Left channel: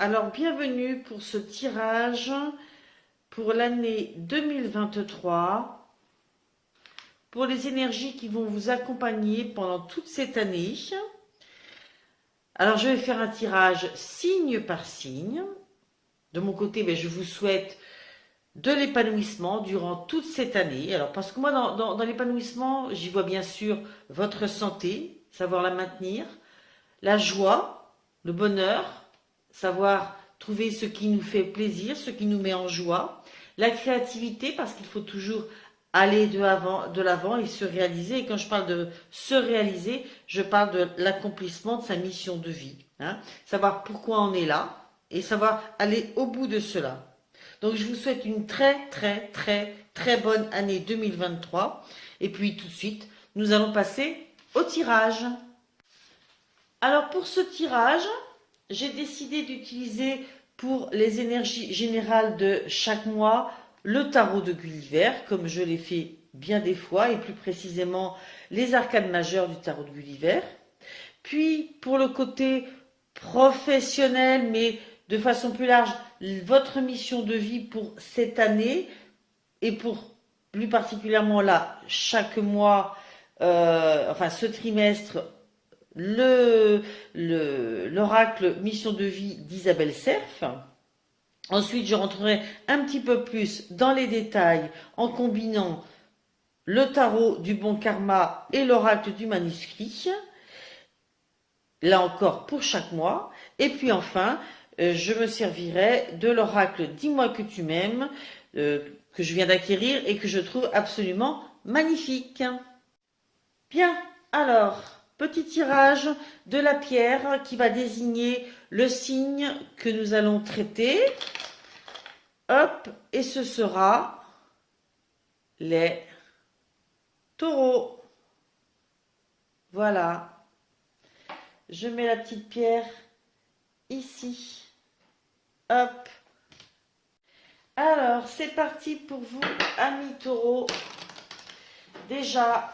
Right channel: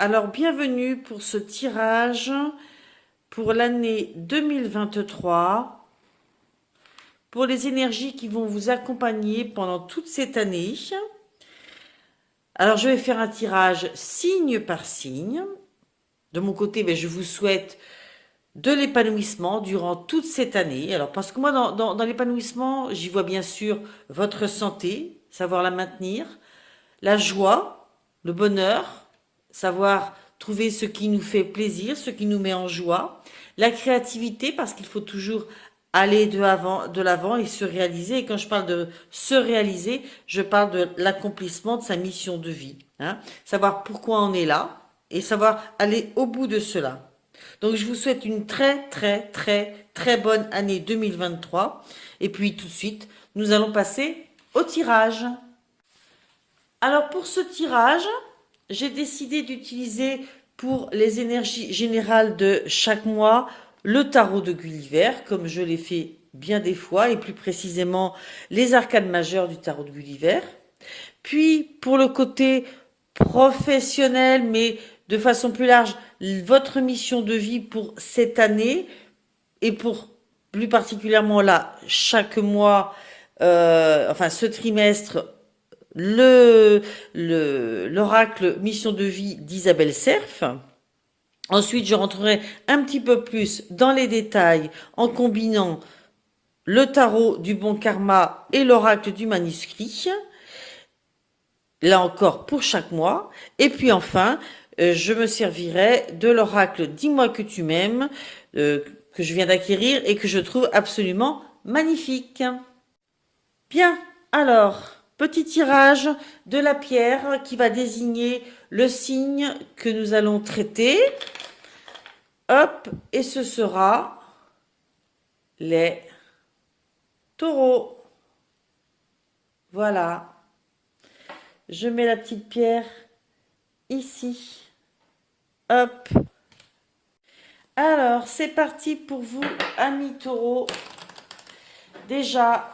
Alors bienvenue pour ce tirage pour l'année 2023, pour les énergies qui vont vous accompagner pendant toute cette année. Alors je vais faire un tirage signe par signe. De mon côté, je vous souhaite de l'épanouissement durant toute cette année. Alors parce que moi, dans l'épanouissement, j'y vois bien sûr votre santé, savoir la maintenir, la joie, le bonheur, savoir trouver ce qui nous fait plaisir, ce qui nous met en joie, la créativité, parce qu'il faut toujours aller de l'avant et se réaliser. Et quand je parle de se réaliser, je parle de l'accomplissement de sa mission de vie, hein. Savoir pourquoi on est là et savoir aller au bout de cela. Donc je vous souhaite une très très très très bonne année 2023. Et puis tout de suite, nous allons passer au tirage. Alors pour ce tirage, j'ai décidé d'utiliser pour les énergies générales de chaque mois le tarot de Gulliver, comme je l'ai fait bien des fois, et plus précisément les arcanes majeures du tarot de Gulliver. Puis pour le côté professionnel, mais de façon plus large, votre mission de vie pour cette année, et pour plus particulièrement là, chaque mois, enfin ce trimestre, l'oracle mission de vie d'Isabelle Serf. Ensuite, je rentrerai un petit peu plus dans les détails en combinant le tarot du bon karma et l'oracle du manuscrit. Là encore pour chaque mois. Et puis enfin, je me servirai de l'oracle Dis-moi que tu m'aimes, que je viens d'acquérir et que je trouve absolument magnifique. Bien, alors, petit tirage de la pierre qui va désigner le signe que nous allons traiter. Hop, et ce sera les taureaux. Voilà. Je mets la petite pierre ici. Hop. Alors, c'est parti pour vous, amis taureaux. Déjà,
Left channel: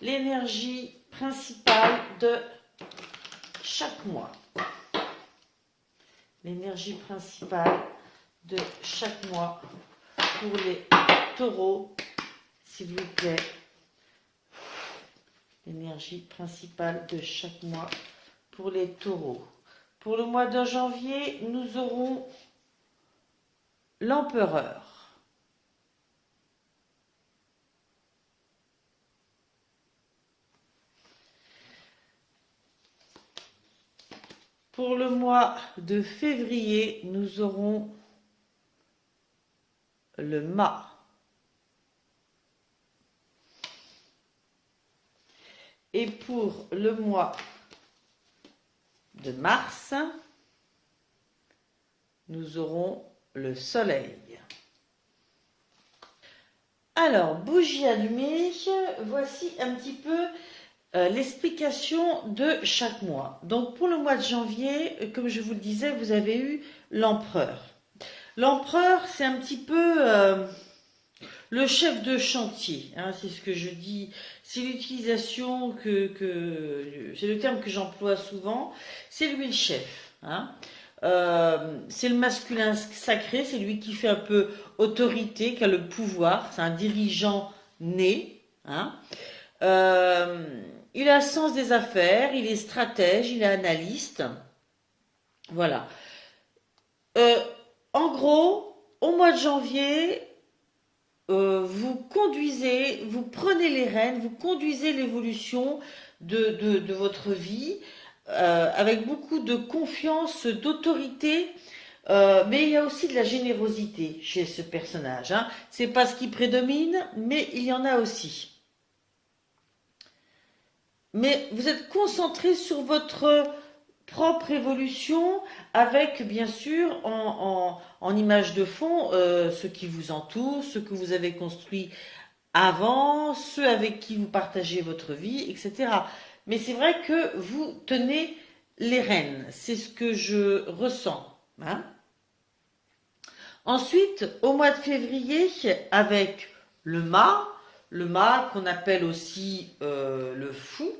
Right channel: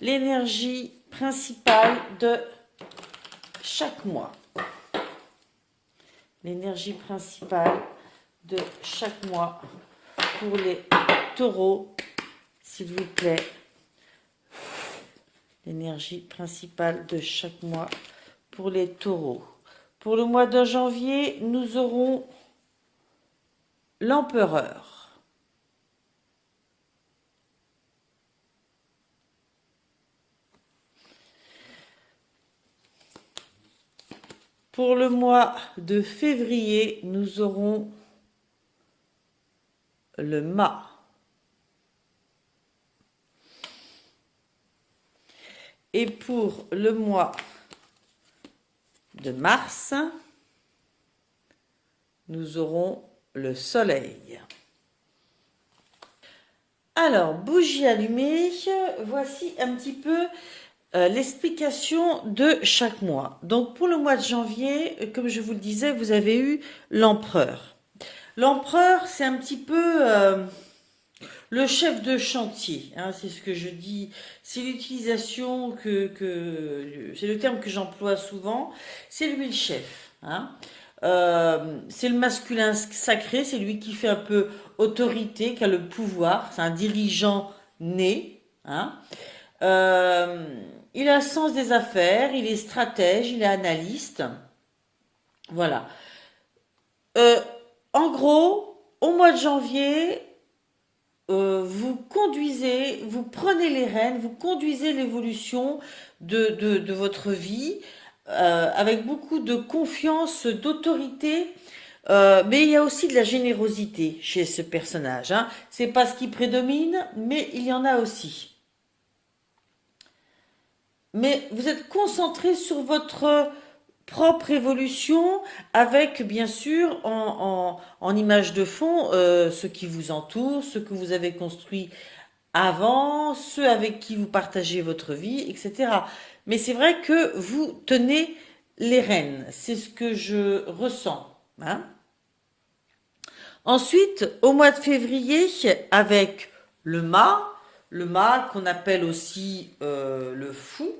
l'énergie principale de chaque mois. L'énergie principale de chaque mois pour les taureaux, s'il vous plaît. L'énergie principale de chaque mois pour les taureaux. Pour le mois de janvier, nous aurons l'empereur. Pour le mois de février, nous aurons le mât. Et pour le mois de mars, nous aurons le soleil. Alors, bougie allumée, voici un petit peu l'explication de chaque mois. Donc, pour le mois de janvier, comme je vous le disais, vous avez eu l'empereur. L'empereur, c'est un petit peu le chef de chantier, hein, c'est ce que je dis, c'est l'utilisation c'est le terme que j'emploie souvent, c'est lui le chef, hein. C'est le masculin sacré, c'est lui qui fait un peu autorité, qui a le pouvoir, c'est un dirigeant né, hein. Il a le sens des affaires, il est stratège, il est analyste, voilà. Euh, En gros, au mois de janvier, vous conduisez, vous prenez les rênes, vous conduisez l'évolution de votre vie avec beaucoup de confiance, d'autorité, mais il y a aussi de la générosité chez ce personnage, hein. C'est pas ce qui prédomine, mais il y en a aussi. Mais vous êtes concentré sur votre propre évolution avec bien sûr en image de fond ce qui vous entoure, ce que vous avez construit avant, ceux avec qui vous partagez votre vie, etc. Mais c'est vrai que vous tenez les rênes, c'est ce que je ressens, hein. Ensuite, au mois de février, avec le mât qu'on appelle aussi le fou.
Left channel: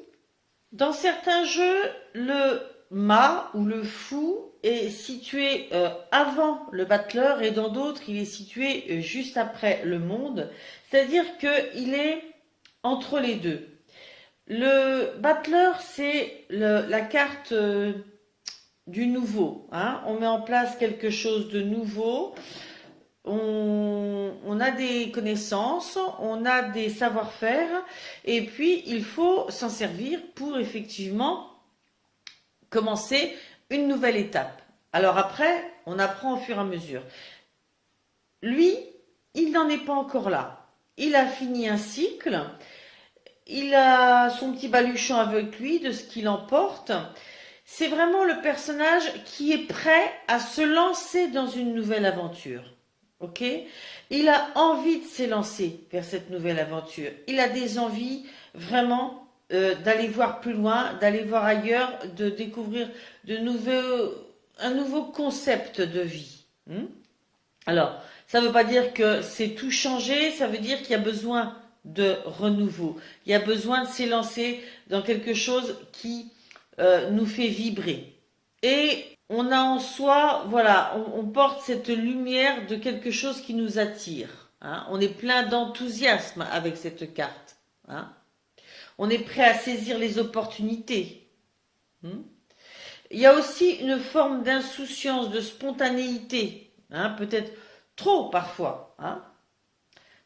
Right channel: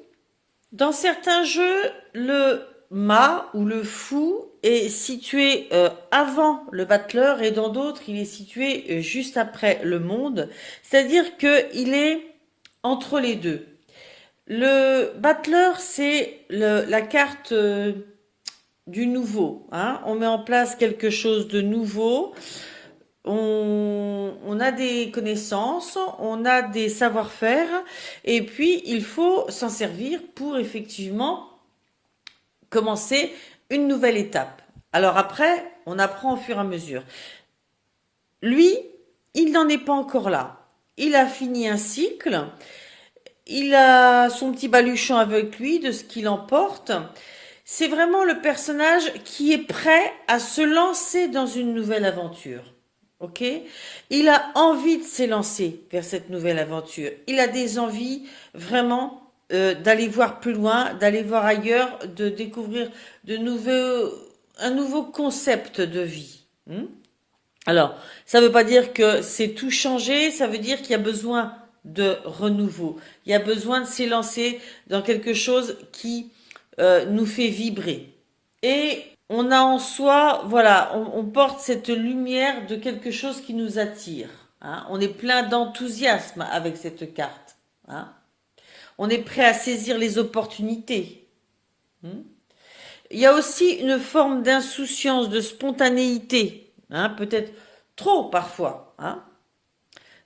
Dans certains jeux, le mât ou le fou est situé avant le battleur et dans d'autres, il est situé juste après le monde. C'est-à-dire qu'il est entre les deux. Le battleur, c'est la carte du nouveau, hein. On met en place quelque chose de nouveau. On a des connaissances, on a des savoir-faire, et puis il faut s'en servir pour effectivement commencer une nouvelle étape. Alors après, on apprend au fur et à mesure. Lui, il n'en est pas encore là. Il a fini un cycle, il a son petit baluchon avec lui de ce qu'il emporte. C'est vraiment le personnage qui est prêt à se lancer dans une nouvelle aventure. Ok? Il a envie de s'élancer vers cette nouvelle aventure. Il a des envies vraiment d'aller voir plus loin, d'aller voir ailleurs, de découvrir un nouveau concept de vie. Alors, ça ne veut pas dire que c'est tout changé, ça veut dire qu'il y a besoin de renouveau. Il y a besoin de s'élancer dans quelque chose qui nous fait vibrer. Et on a en soi, voilà, on porte cette lumière de quelque chose qui nous attire. Hein. On est plein d'enthousiasme avec cette carte. Hein. On est prêt à saisir les opportunités. Il y a aussi une forme d'insouciance, de spontanéité. Hein, peut-être trop parfois. Hein.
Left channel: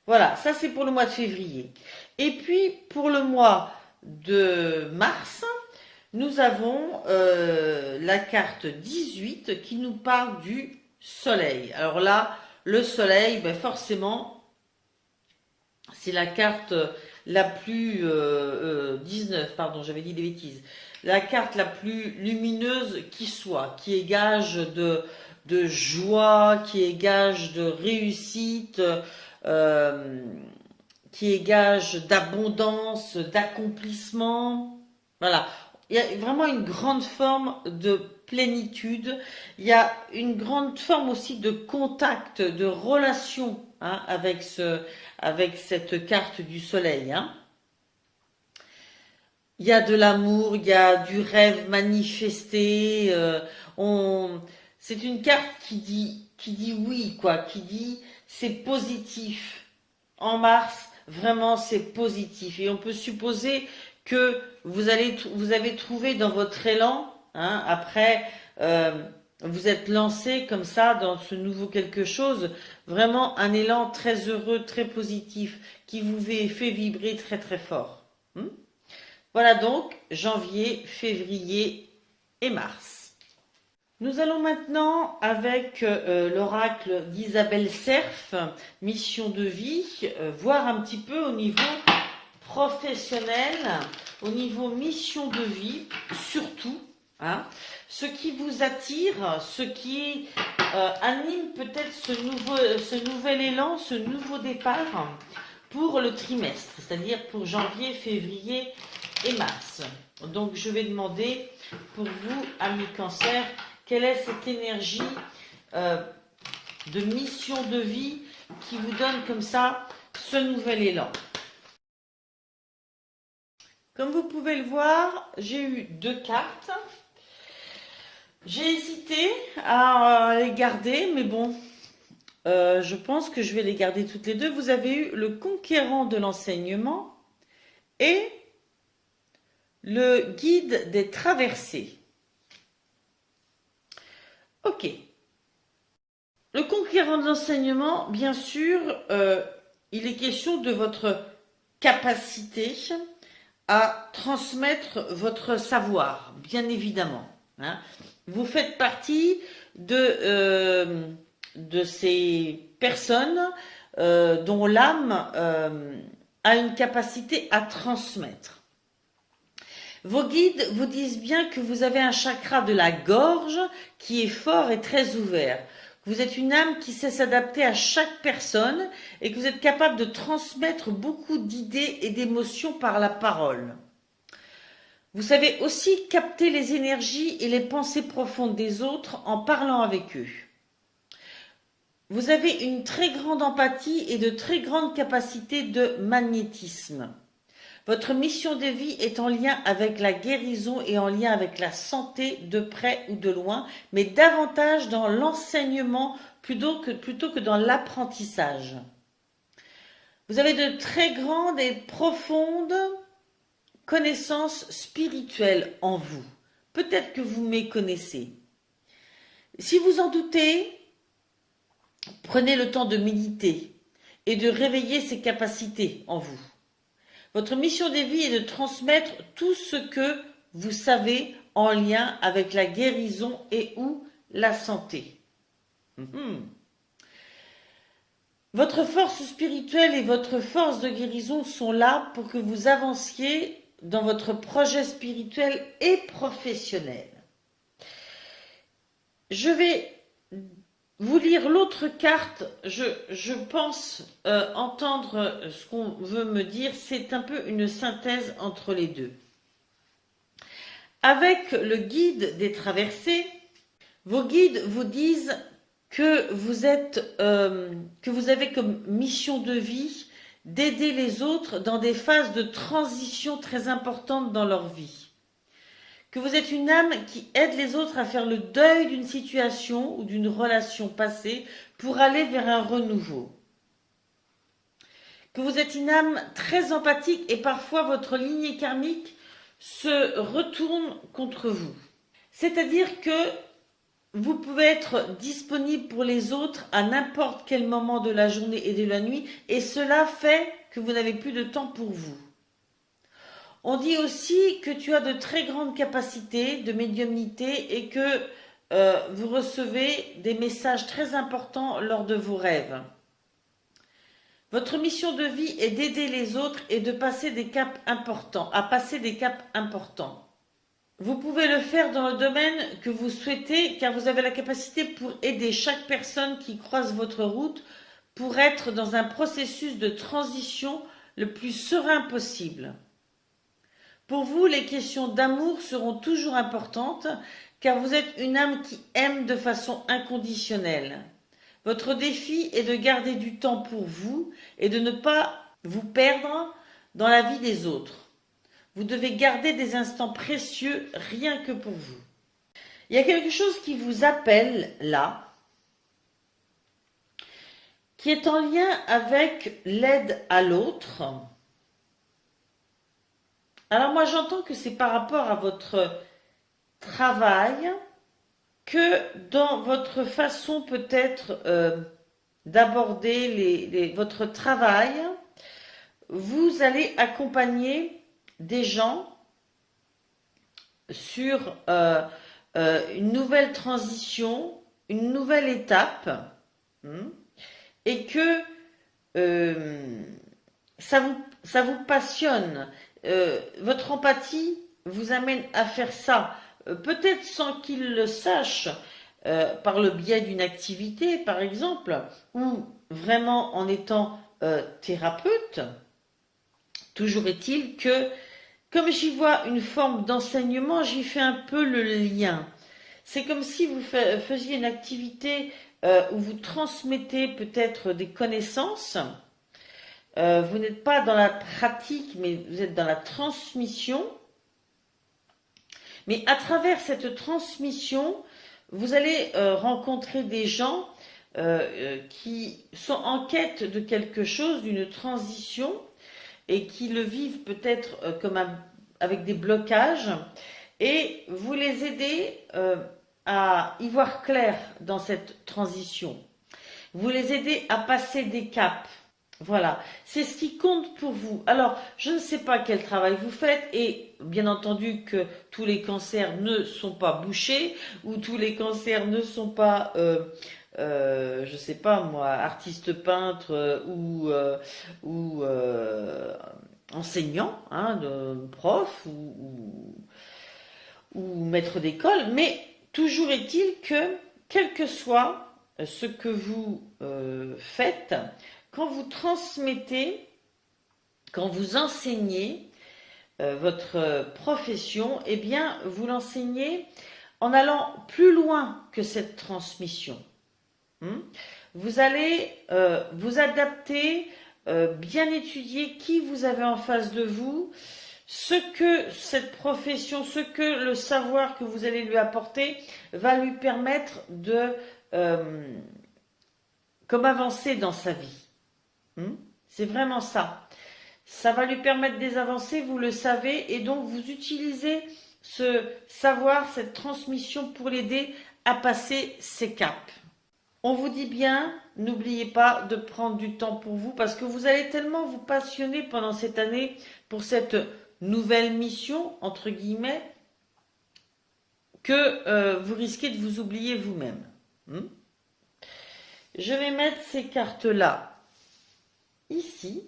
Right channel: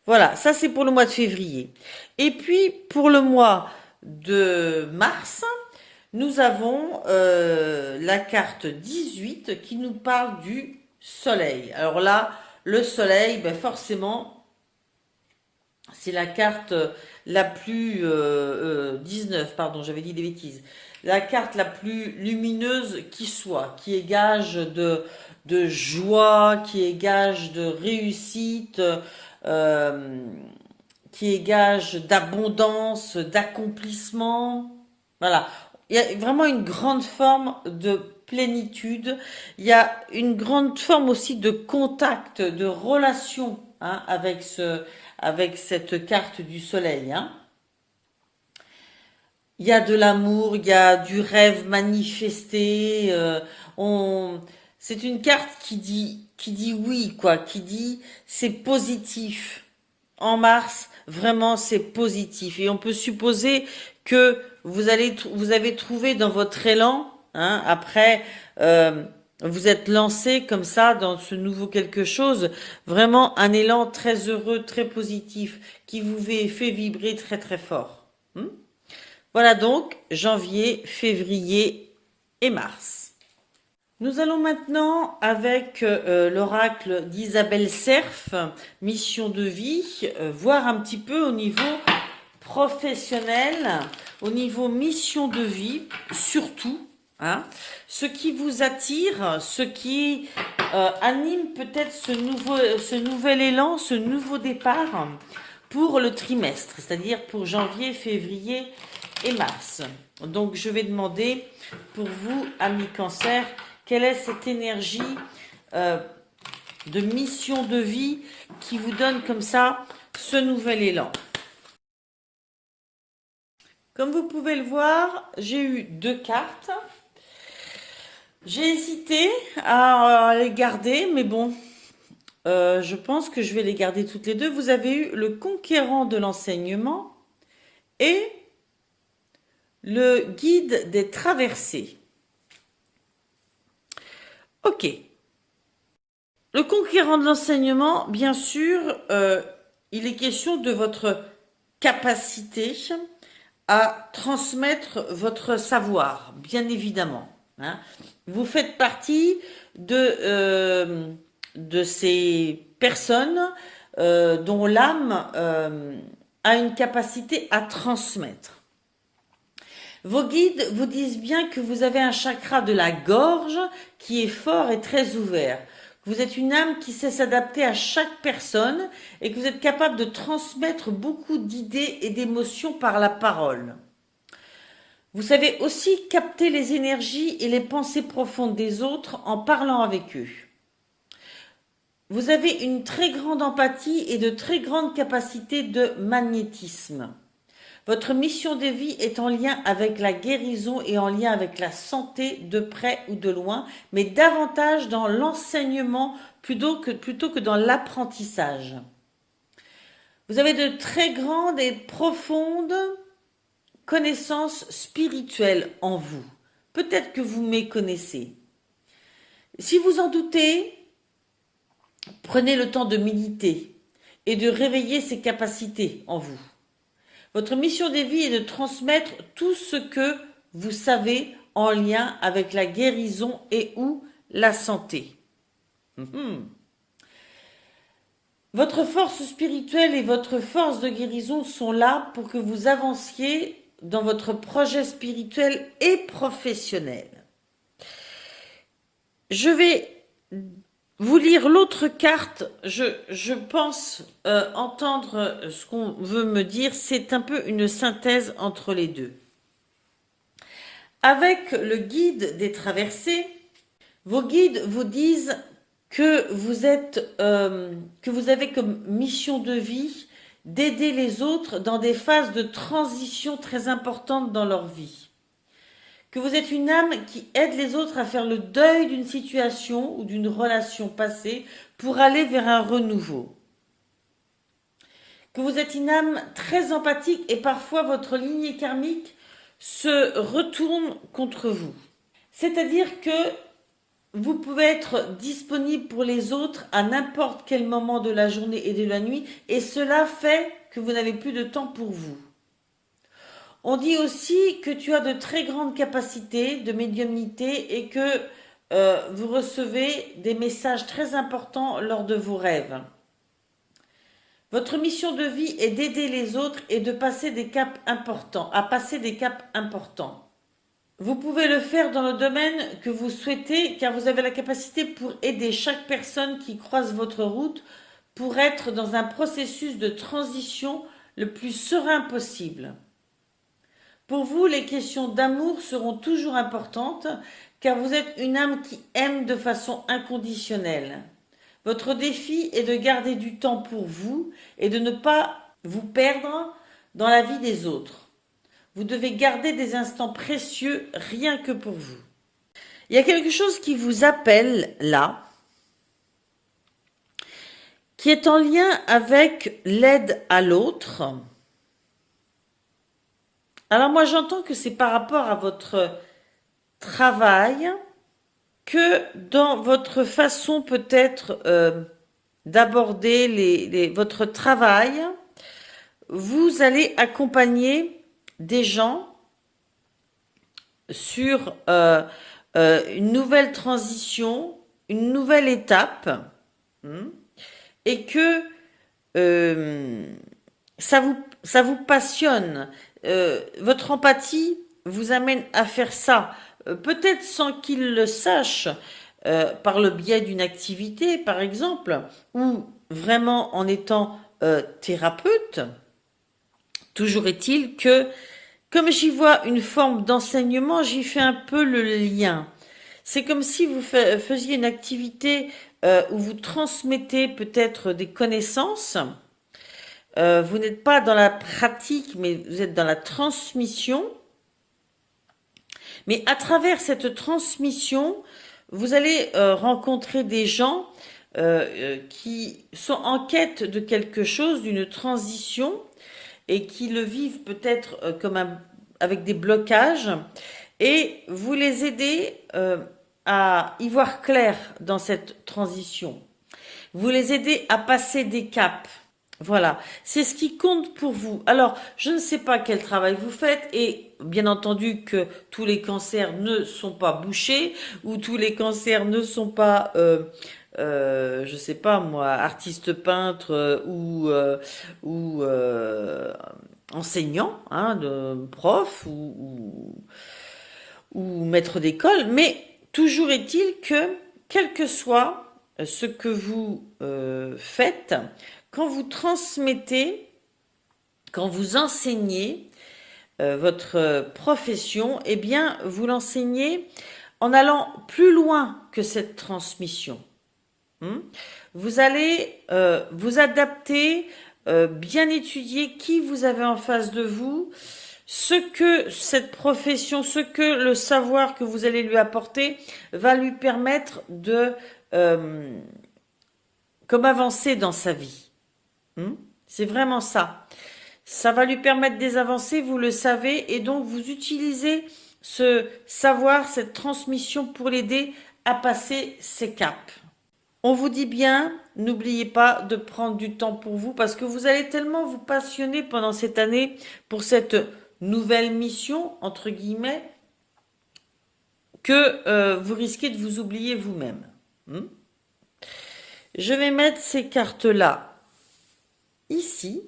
Voilà, ça c'est pour le mois de février. Et puis pour le mois de mars, nous avons la carte 18 qui nous parle du soleil. Alors là, le soleil, ben forcément, c'est la carte la plus... 19, pardon, j'avais dit des bêtises. La carte la plus lumineuse qui soit, qui est gage de joie, qui est gage de réussite, qui est gage d'abondance, d'accomplissement. Voilà. Il y a vraiment une grande forme de plénitude. Il y a une grande forme aussi de contact, de relation hein, avec cette carte du soleil. Hein. Il y a de l'amour, il y a du rêve manifesté. C'est une carte qui dit oui, quoi, qui dit c'est positif. En mars, vraiment, c'est positif. Et on peut supposer que vous avez trouvé dans votre élan, hein, après, vous êtes lancé comme ça dans ce nouveau quelque chose, vraiment un élan très heureux, très positif, qui vous fait vibrer très très fort. Voilà donc janvier, février et mars. Nous allons maintenant, avec l'oracle d'Isabelle Cerf, mission de vie, voir un petit peu au niveau professionnel, au niveau mission de vie, surtout, hein, ce qui vous attire, ce qui anime peut-être ce nouvel élan, ce nouveau départ pour le trimestre, c'est-à-dire pour janvier, février et mars. Donc je vais demander pour vous, amis Cancer, quelle est cette énergie de mission de vie qui vous donne comme ça ce nouvel élan. Comme vous pouvez le voir, j'ai eu 2 cartes. J'ai hésité à les garder, mais bon, je pense que je vais les garder toutes les deux. Vous avez eu le conquérant de l'enseignement et le guide des traversées. Ok. Le conquérant de l'enseignement, bien sûr, il est question de votre capacité à transmettre votre savoir, bien évidemment. Hein. Vous faites partie de ces personnes dont l'âme a une capacité à transmettre. Vos guides vous disent bien que vous avez un chakra de la gorge qui est fort et très ouvert. Vous êtes une âme qui sait s'adapter à chaque personne et que vous êtes capable de transmettre beaucoup d'idées et d'émotions par la parole. Vous savez aussi capter les énergies et les pensées profondes des autres en parlant avec eux. Vous avez une très grande empathie et de très grandes capacités de magnétisme. Votre mission de vie est en lien avec la guérison et en lien avec la santé de près ou de loin, mais davantage dans l'enseignement plutôt que dans l'apprentissage. Vous avez de très grandes et profondes connaissances spirituelles en vous. Peut-être que vous méconnaissez. Si vous en doutez, prenez le temps de méditer et de réveiller ces capacités en vous. Votre mission de vie est de transmettre tout ce que vous savez en lien avec la guérison et ou la santé. Votre force spirituelle et votre force de guérison sont là pour que vous avanciez dans votre projet spirituel et professionnel. Je vais vous lire l'autre carte. Je pense entendre ce qu'on veut me dire. C'est un peu une synthèse entre les deux. Avec le guide des traversées, vos guides vous disent que vous avez comme mission de vie d'aider les autres dans des phases de transition très importantes dans leur vie. Que vous êtes une âme qui aide les autres à faire le deuil d'une situation ou d'une relation passée pour aller vers un renouveau. Que vous êtes une âme très empathique et parfois votre lignée karmique se retourne contre vous. C'est-à-dire que vous pouvez être disponible pour les autres à n'importe quel moment de la journée et de la nuit et cela fait que vous n'avez plus de temps pour vous. On dit aussi que tu as de très grandes capacités de médiumnité et que vous recevez des messages très importants lors de vos rêves. Votre mission de vie est d'aider les autres et de passer des caps importants, à passer des caps importants. Vous pouvez le faire dans le domaine que vous souhaitez car vous avez la capacité pour aider chaque personne qui croise votre route pour être dans un processus de transition le plus serein possible. Pour vous, les questions d'amour seront toujours importantes car vous êtes une âme qui aime de façon inconditionnelle. Votre défi est de garder du temps pour vous et de ne pas vous perdre dans la vie des autres. Vous devez garder des instants précieux rien que pour vous. Il y a quelque chose qui vous appelle là, qui est en lien avec l'aide à l'autre. Alors moi j'entends que c'est par rapport à votre travail, que dans votre façon peut-être d'aborder votre travail, vous allez accompagner des gens sur une nouvelle transition, une nouvelle étape, et que ça vous passionne. Votre empathie vous amène à faire ça, peut-être sans qu'ils le sachent, par le biais d'une activité, par exemple, ou vraiment en étant thérapeute. Toujours est-il que, comme j'y vois une forme d'enseignement, j'y fais un peu le lien. C'est comme si vous faisiez une activité où vous transmettez peut-être des connaissances. Vous n'êtes pas dans la pratique, mais vous êtes dans la transmission. Mais à travers cette transmission, vous allez rencontrer des gens qui sont en quête de quelque chose, d'une transition, et qui le vivent peut-être avec des blocages, et vous les aidez à y voir clair dans cette transition. Vous les aidez à passer des caps. Voilà, c'est ce qui compte pour vous. Alors, je ne sais pas quel travail vous faites et bien entendu que tous les cancers ne sont pas bouchés ou tous les cancers ne sont pas, je sais pas moi, artiste peintre ou enseignant, hein, prof ou maître d'école, mais toujours est-il que, quel que soit ce que vous faites, quand vous transmettez, quand vous enseignez votre profession, eh bien, vous l'enseignez en allant plus loin que cette transmission. Vous allez vous adapter bien étudier qui vous avez en face de vous, ce que cette profession, ce que le savoir que vous allez lui apporter va lui permettre de comme avancer dans sa vie. C'est vraiment ça. Ça va lui permettre des avancées, vous le savez, et donc vous utilisez ce savoir, cette transmission pour l'aider à passer ses caps. On vous dit bien, n'oubliez pas de prendre du temps pour vous parce que vous allez tellement vous passionner pendant cette année pour cette nouvelle mission, entre guillemets, que vous risquez de vous oublier vous-même. Je vais mettre ces cartes-là ici.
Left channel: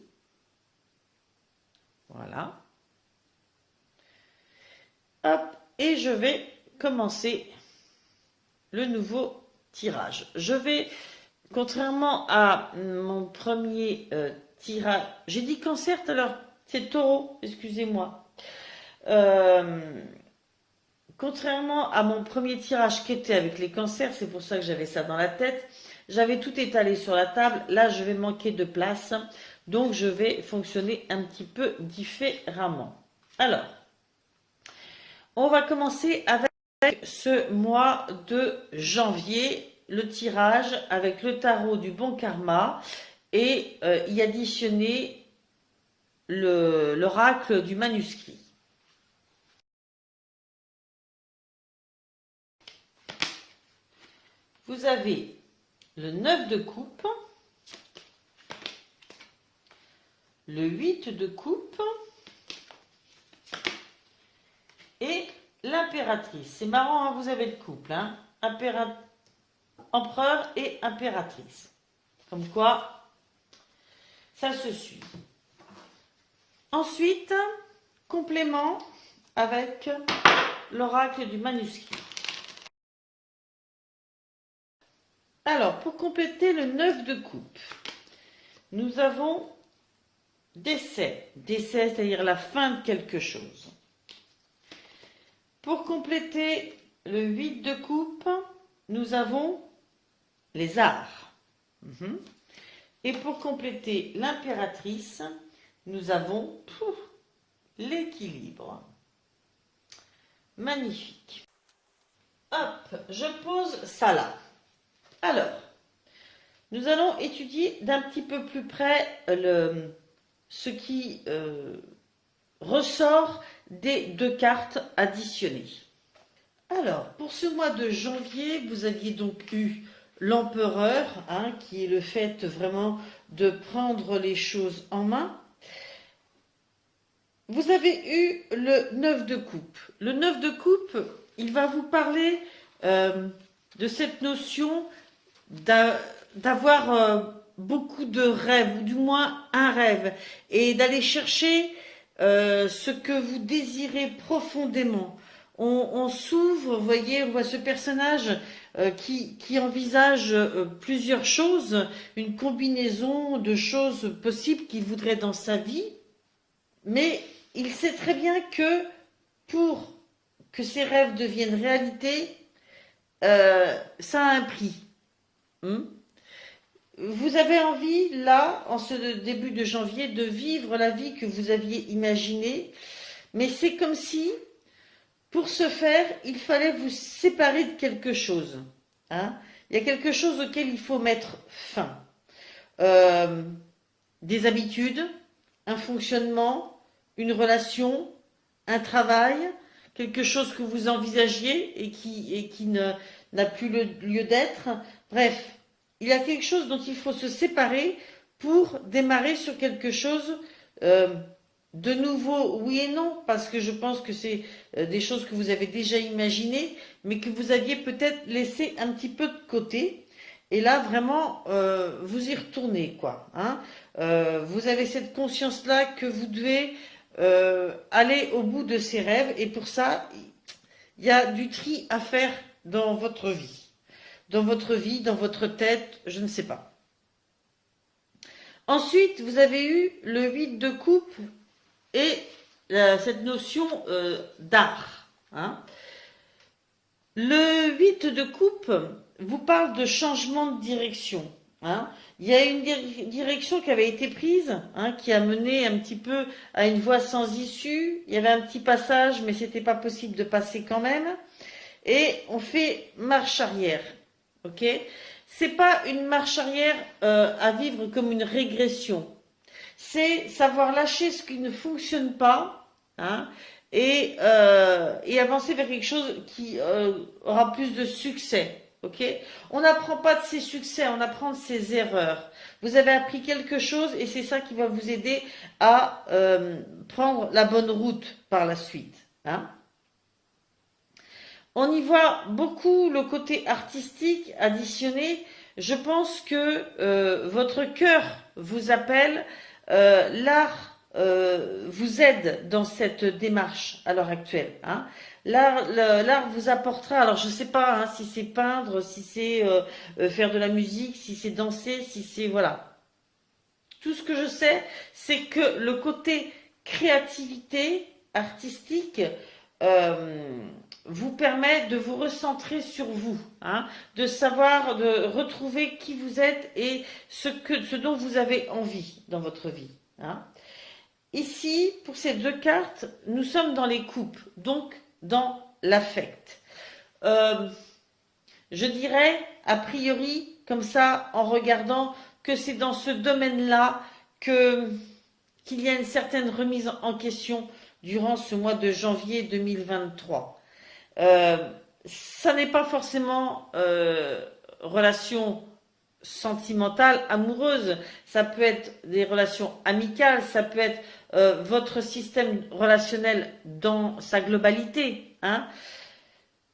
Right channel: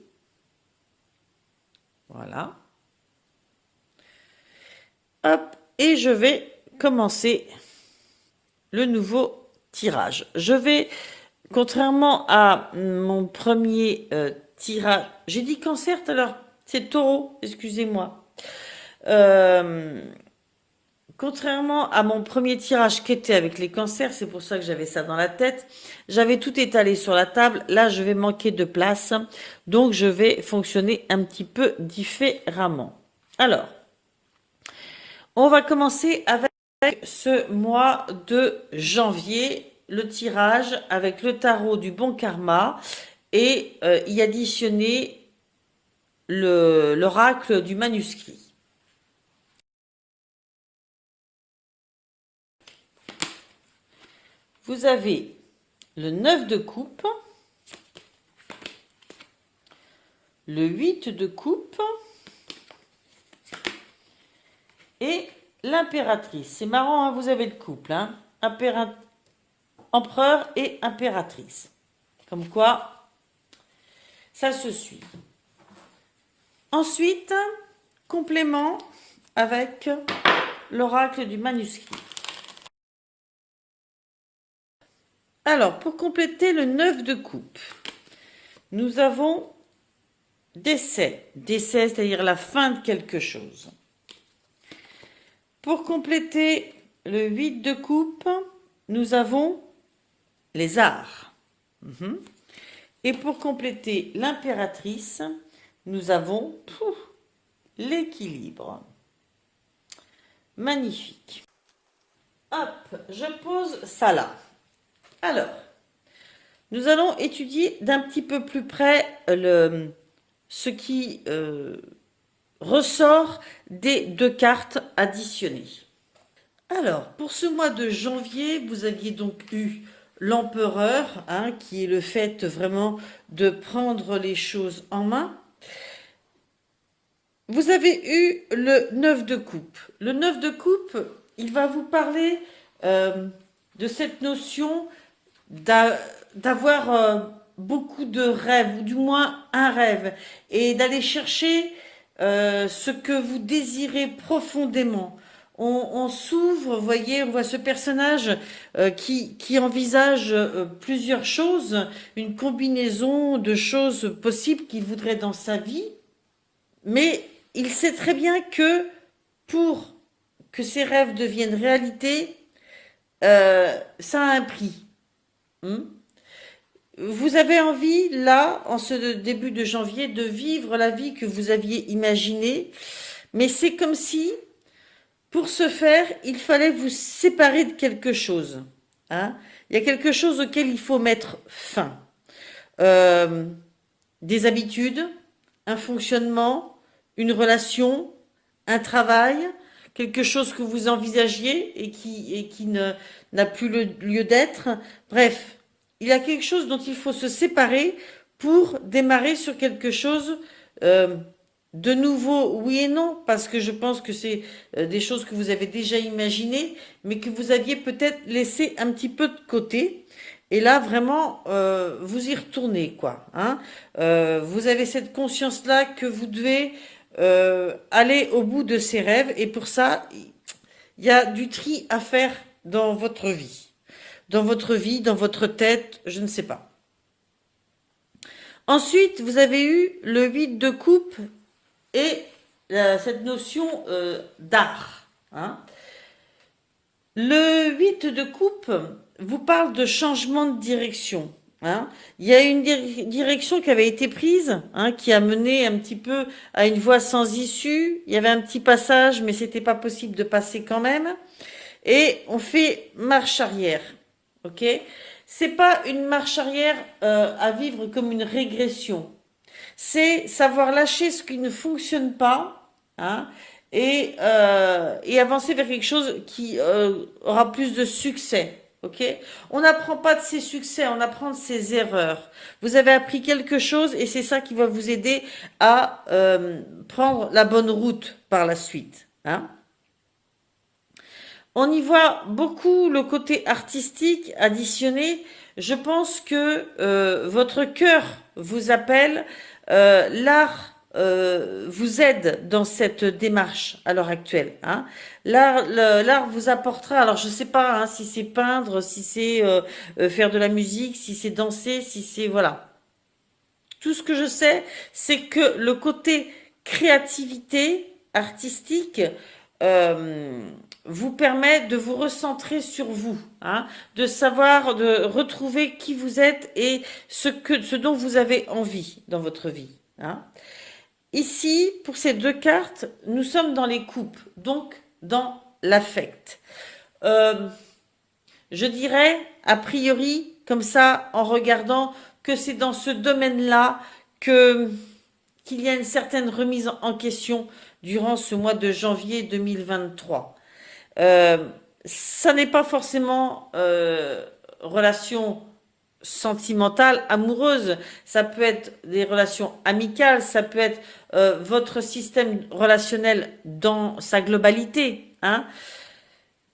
Voilà. Hop, et je vais commencer le nouveau tirage. Je vais, contrairement à mon premier tirage, j'ai dit cancer tout à l'heure, c'est taureau, excusez-moi. Contrairement à mon premier tirage qui était avec les cancers, c'est pour ça que j'avais ça dans la tête, j'avais tout étalé sur la table. Là, je vais manquer de place, donc je vais fonctionner un petit peu différemment. Alors, on va commencer avec ce mois de janvier, le tirage avec le tarot du bon karma et y additionner l'oracle du manuscrit. Vous avez le 9 de coupe, le 8 de coupe et l'impératrice. C'est marrant, hein, vous avez le couple, hein, empereur et impératrice. Comme quoi, ça se suit. Ensuite, complément avec l'oracle du manuscrit. Alors, pour compléter le 9 de coupe, nous avons décès. Décès, c'est-à-dire la fin de quelque chose. Pour compléter le 8 de coupe, nous avons les arts. Et pour compléter l'impératrice, nous avons l'équilibre. Magnifique. Hop, je pose ça là. Alors, nous allons étudier d'un petit peu plus près ce qui ressort des deux cartes additionnées. Alors, pour ce mois de janvier, vous aviez donc eu l'empereur, hein, qui est le fait vraiment de prendre les choses en main. Vous avez eu le 9 de coupe. Le 9 de coupe, il va vous parler de cette notion d'avoir beaucoup de rêves, ou du moins un rêve, et d'aller chercher ce que vous désirez profondément. On s'ouvre, vous voyez, on voit ce personnage qui envisage plusieurs choses, une combinaison de choses possibles qu'il voudrait dans sa vie, mais il sait très bien que pour que ses rêves deviennent réalité, ça a un prix. Vous avez envie, là, en ce début de janvier, de vivre la vie que vous aviez imaginée, mais c'est comme si, pour ce faire, il fallait vous séparer de quelque chose. Hein. Il y a quelque chose auquel il faut mettre fin. Des habitudes, un fonctionnement, une relation, un travail, quelque chose que vous envisagiez et qui n'a plus le lieu d'être. Bref, il y a quelque chose dont il faut se séparer pour démarrer sur quelque chose de nouveau, oui et non, parce que je pense que c'est des choses que vous avez déjà imaginées, mais que vous aviez peut-être laissé un petit peu de côté. Et là, vraiment, vous y retournez, quoi. Hein. Vous avez cette conscience-là que vous devez aller au bout de ses rêves. Et pour ça, il y a du tri à faire dans votre vie. Dans votre vie, dans votre tête, je ne sais pas. Ensuite, vous avez eu le 8 de coupe et cette notion d'art. Hein. Le 8 de coupe vous parle de changement de direction. Hein. Il y a une direction qui avait été prise, hein, qui a mené un petit peu à une voie sans issue. Il y avait un petit passage, mais c'était pas possible de passer quand même. Et on fait marche arrière. Ok? C'est pas une marche arrière à vivre comme une régression. C'est savoir lâcher ce qui ne fonctionne pas, hein, et avancer vers quelque chose qui aura plus de succès. Ok? On n'apprend pas de ses succès, on apprend de ses erreurs. Vous avez appris quelque chose et c'est ça qui va vous aider à prendre la bonne route par la suite. Hein? On y voit beaucoup le côté artistique additionné. Je pense que votre cœur vous appelle, l'art vous aide dans cette démarche à l'heure actuelle. Hein. L'art vous apportera, alors je ne sais pas hein, si c'est peindre, si c'est faire de la musique, si c'est danser, si c'est... Voilà. Tout ce que je sais, c'est que le côté créativité artistique euh, vous permet de vous recentrer sur vous, hein, de savoir, de retrouver qui vous êtes et ce dont vous avez envie dans votre vie. Hein. Ici, pour ces deux cartes, nous sommes dans les coupes, donc dans l'affect. Euh, je dirais, a priori, comme ça, en regardant, que c'est dans ce domaine-là que qu'il y a une certaine remise en question durant ce mois de janvier 2023. Euh, Ça n'est pas forcément relation sentimentale, amoureuse, ça peut être des relations amicales, ça peut être votre système relationnel dans sa globalité, hein,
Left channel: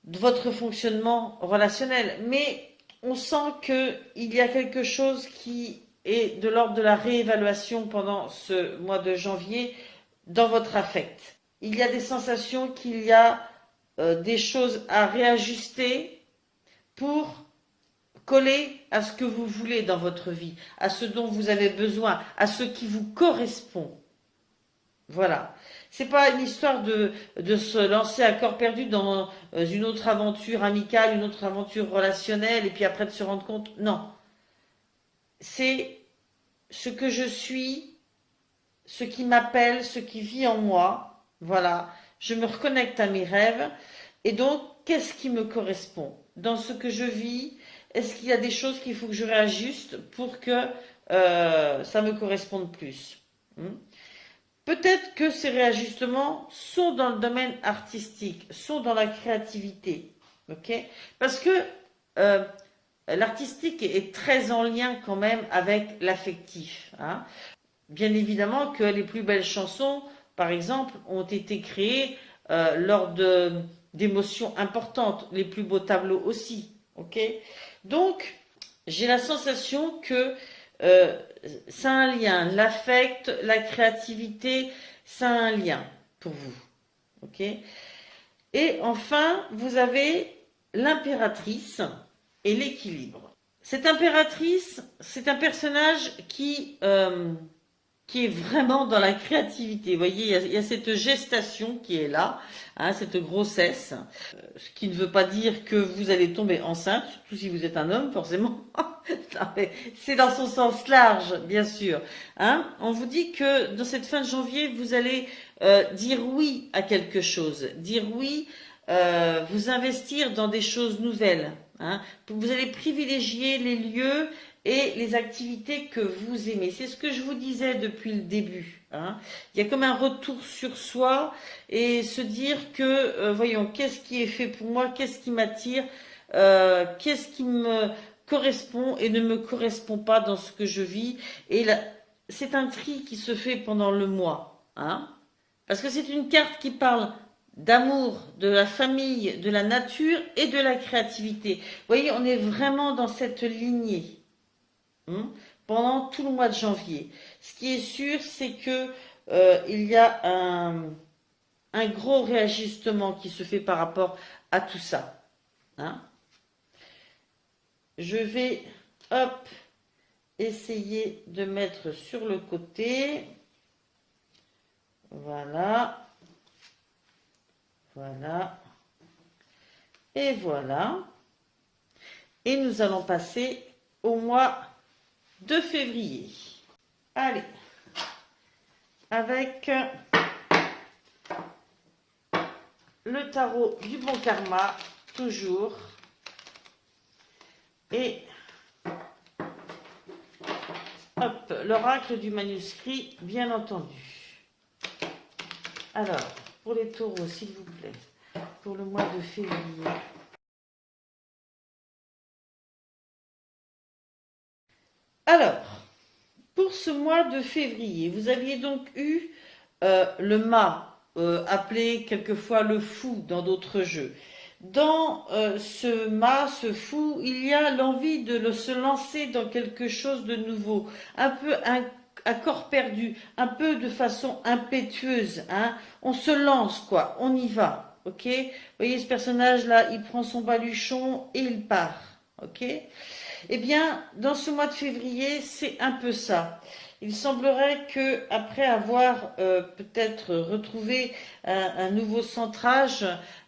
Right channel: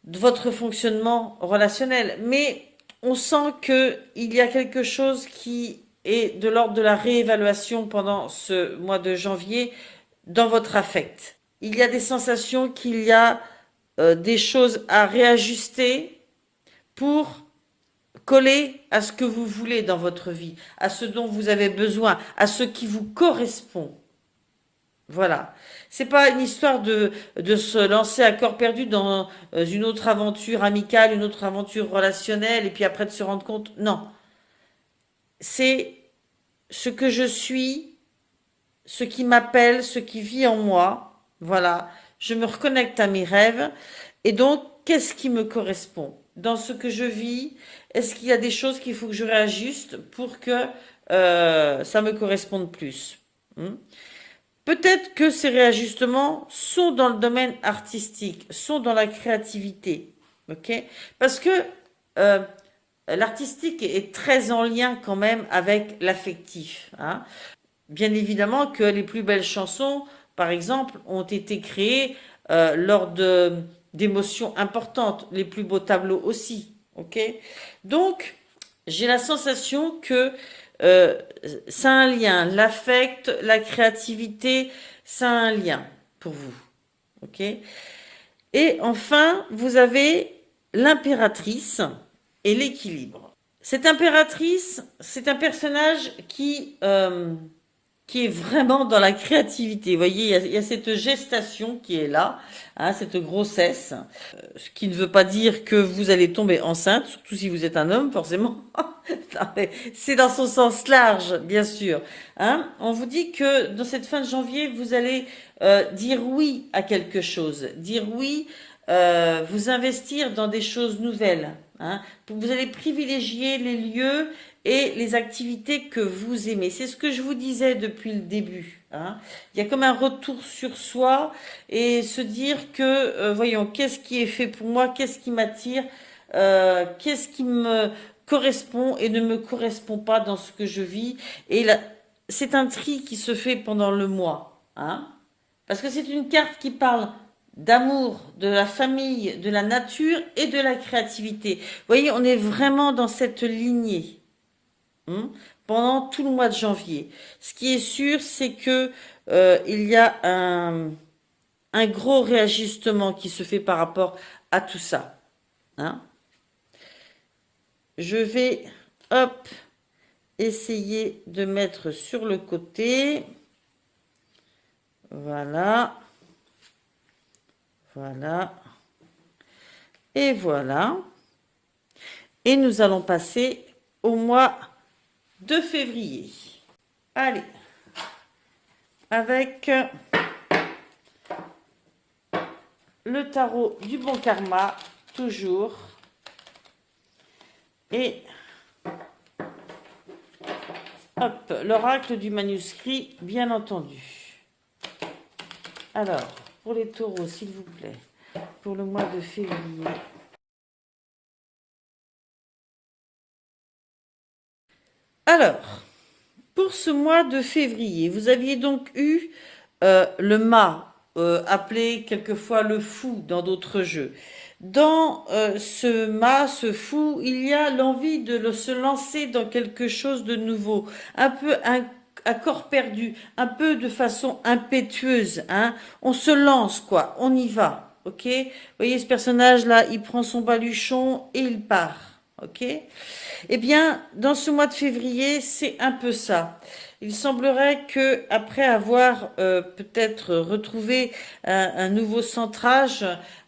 de votre fonctionnement relationnel. Mais on sent qu'il y a quelque chose qui est de l'ordre de la réévaluation pendant ce mois de janvier dans votre affect. Il y a des sensations qu'il y a des choses à réajuster pour coller à ce que vous voulez dans votre vie, à ce dont vous avez besoin, à ce qui vous correspond. Voilà. C'est pas une histoire de se lancer à corps perdu dans une autre aventure amicale, une autre aventure relationnelle, et puis après de se rendre compte. Non. C'est ce que je suis, ce qui m'appelle, ce qui vit en moi. Voilà. Je me reconnecte à mes rêves. Et donc, qu'est-ce qui me correspond dans ce que je vis? Est-ce qu'il y a des choses qu'il faut que je réajuste pour que ça me corresponde plus? Hmm. Peut-être que ces réajustements sont dans le domaine artistique, sont dans la créativité, ok? Parce que euh, l'artistique est très en lien quand même avec l'affectif. Hein. Bien évidemment que les plus belles chansons, par exemple, ont été créées lors d'émotions importantes, les plus beaux tableaux aussi, ok? Donc, j'ai la sensation que euh, ça a un lien, l'affect, la créativité, ça a un lien pour vous, ok? Et enfin, vous avez l'impératrice et l'équilibre. Cette impératrice, c'est un personnage qui est vraiment dans la créativité. Vous voyez, il y a cette gestation qui est là, hein, cette grossesse, ce qui ne veut pas dire que vous allez tomber enceinte, surtout si vous êtes un homme, forcément. C'est dans son sens large, bien sûr. Hein. On vous dit que dans cette fin de janvier, vous allez dire oui à quelque chose, dire oui, vous investir dans des choses nouvelles. Hein. Vous allez privilégier les lieux et les activités que vous aimez. C'est ce que je vous disais depuis le début. Hein. Il y a comme un retour sur soi et se dire que, voyons, qu'est-ce qui est fait pour moi, qu'est-ce qui m'attire, qu'est-ce qui me correspond et ne me correspond pas dans ce que je vis. Et là, c'est un tri qui se fait pendant le mois. Hein. Parce que c'est une carte qui parle d'amour, de la famille, de la nature et de la créativité. Vous voyez, on est vraiment dans cette lignée. Pendant tout le mois de janvier. Ce qui est sûr, c'est que il y a un gros réajustement qui se fait par rapport à tout ça. Hein. Je vais, hop, essayer de mettre sur le côté. Voilà. Voilà. Et voilà. Et nous allons passer au mois de février. Allez, avec le tarot du bon karma, toujours, et hop, l'oracle du manuscrit, bien entendu. Alors, pour les taureaux, s'il vous plaît, pour le mois de février. Alors, pour ce mois de février, vous aviez donc eu le mât, appelé quelquefois le fou dans d'autres jeux. Dans ce mât, ce fou, il y a l'envie de se lancer dans quelque chose de nouveau, un peu à corps perdu, un peu de façon impétueuse, hein. On se lance, quoi, on y va, ok? Vous voyez ce personnage-là, il prend son baluchon et il part, ok? Eh bien, dans ce mois de février, c'est un peu ça. Il semblerait que, après avoir peut-être retrouvé un nouveau centrage,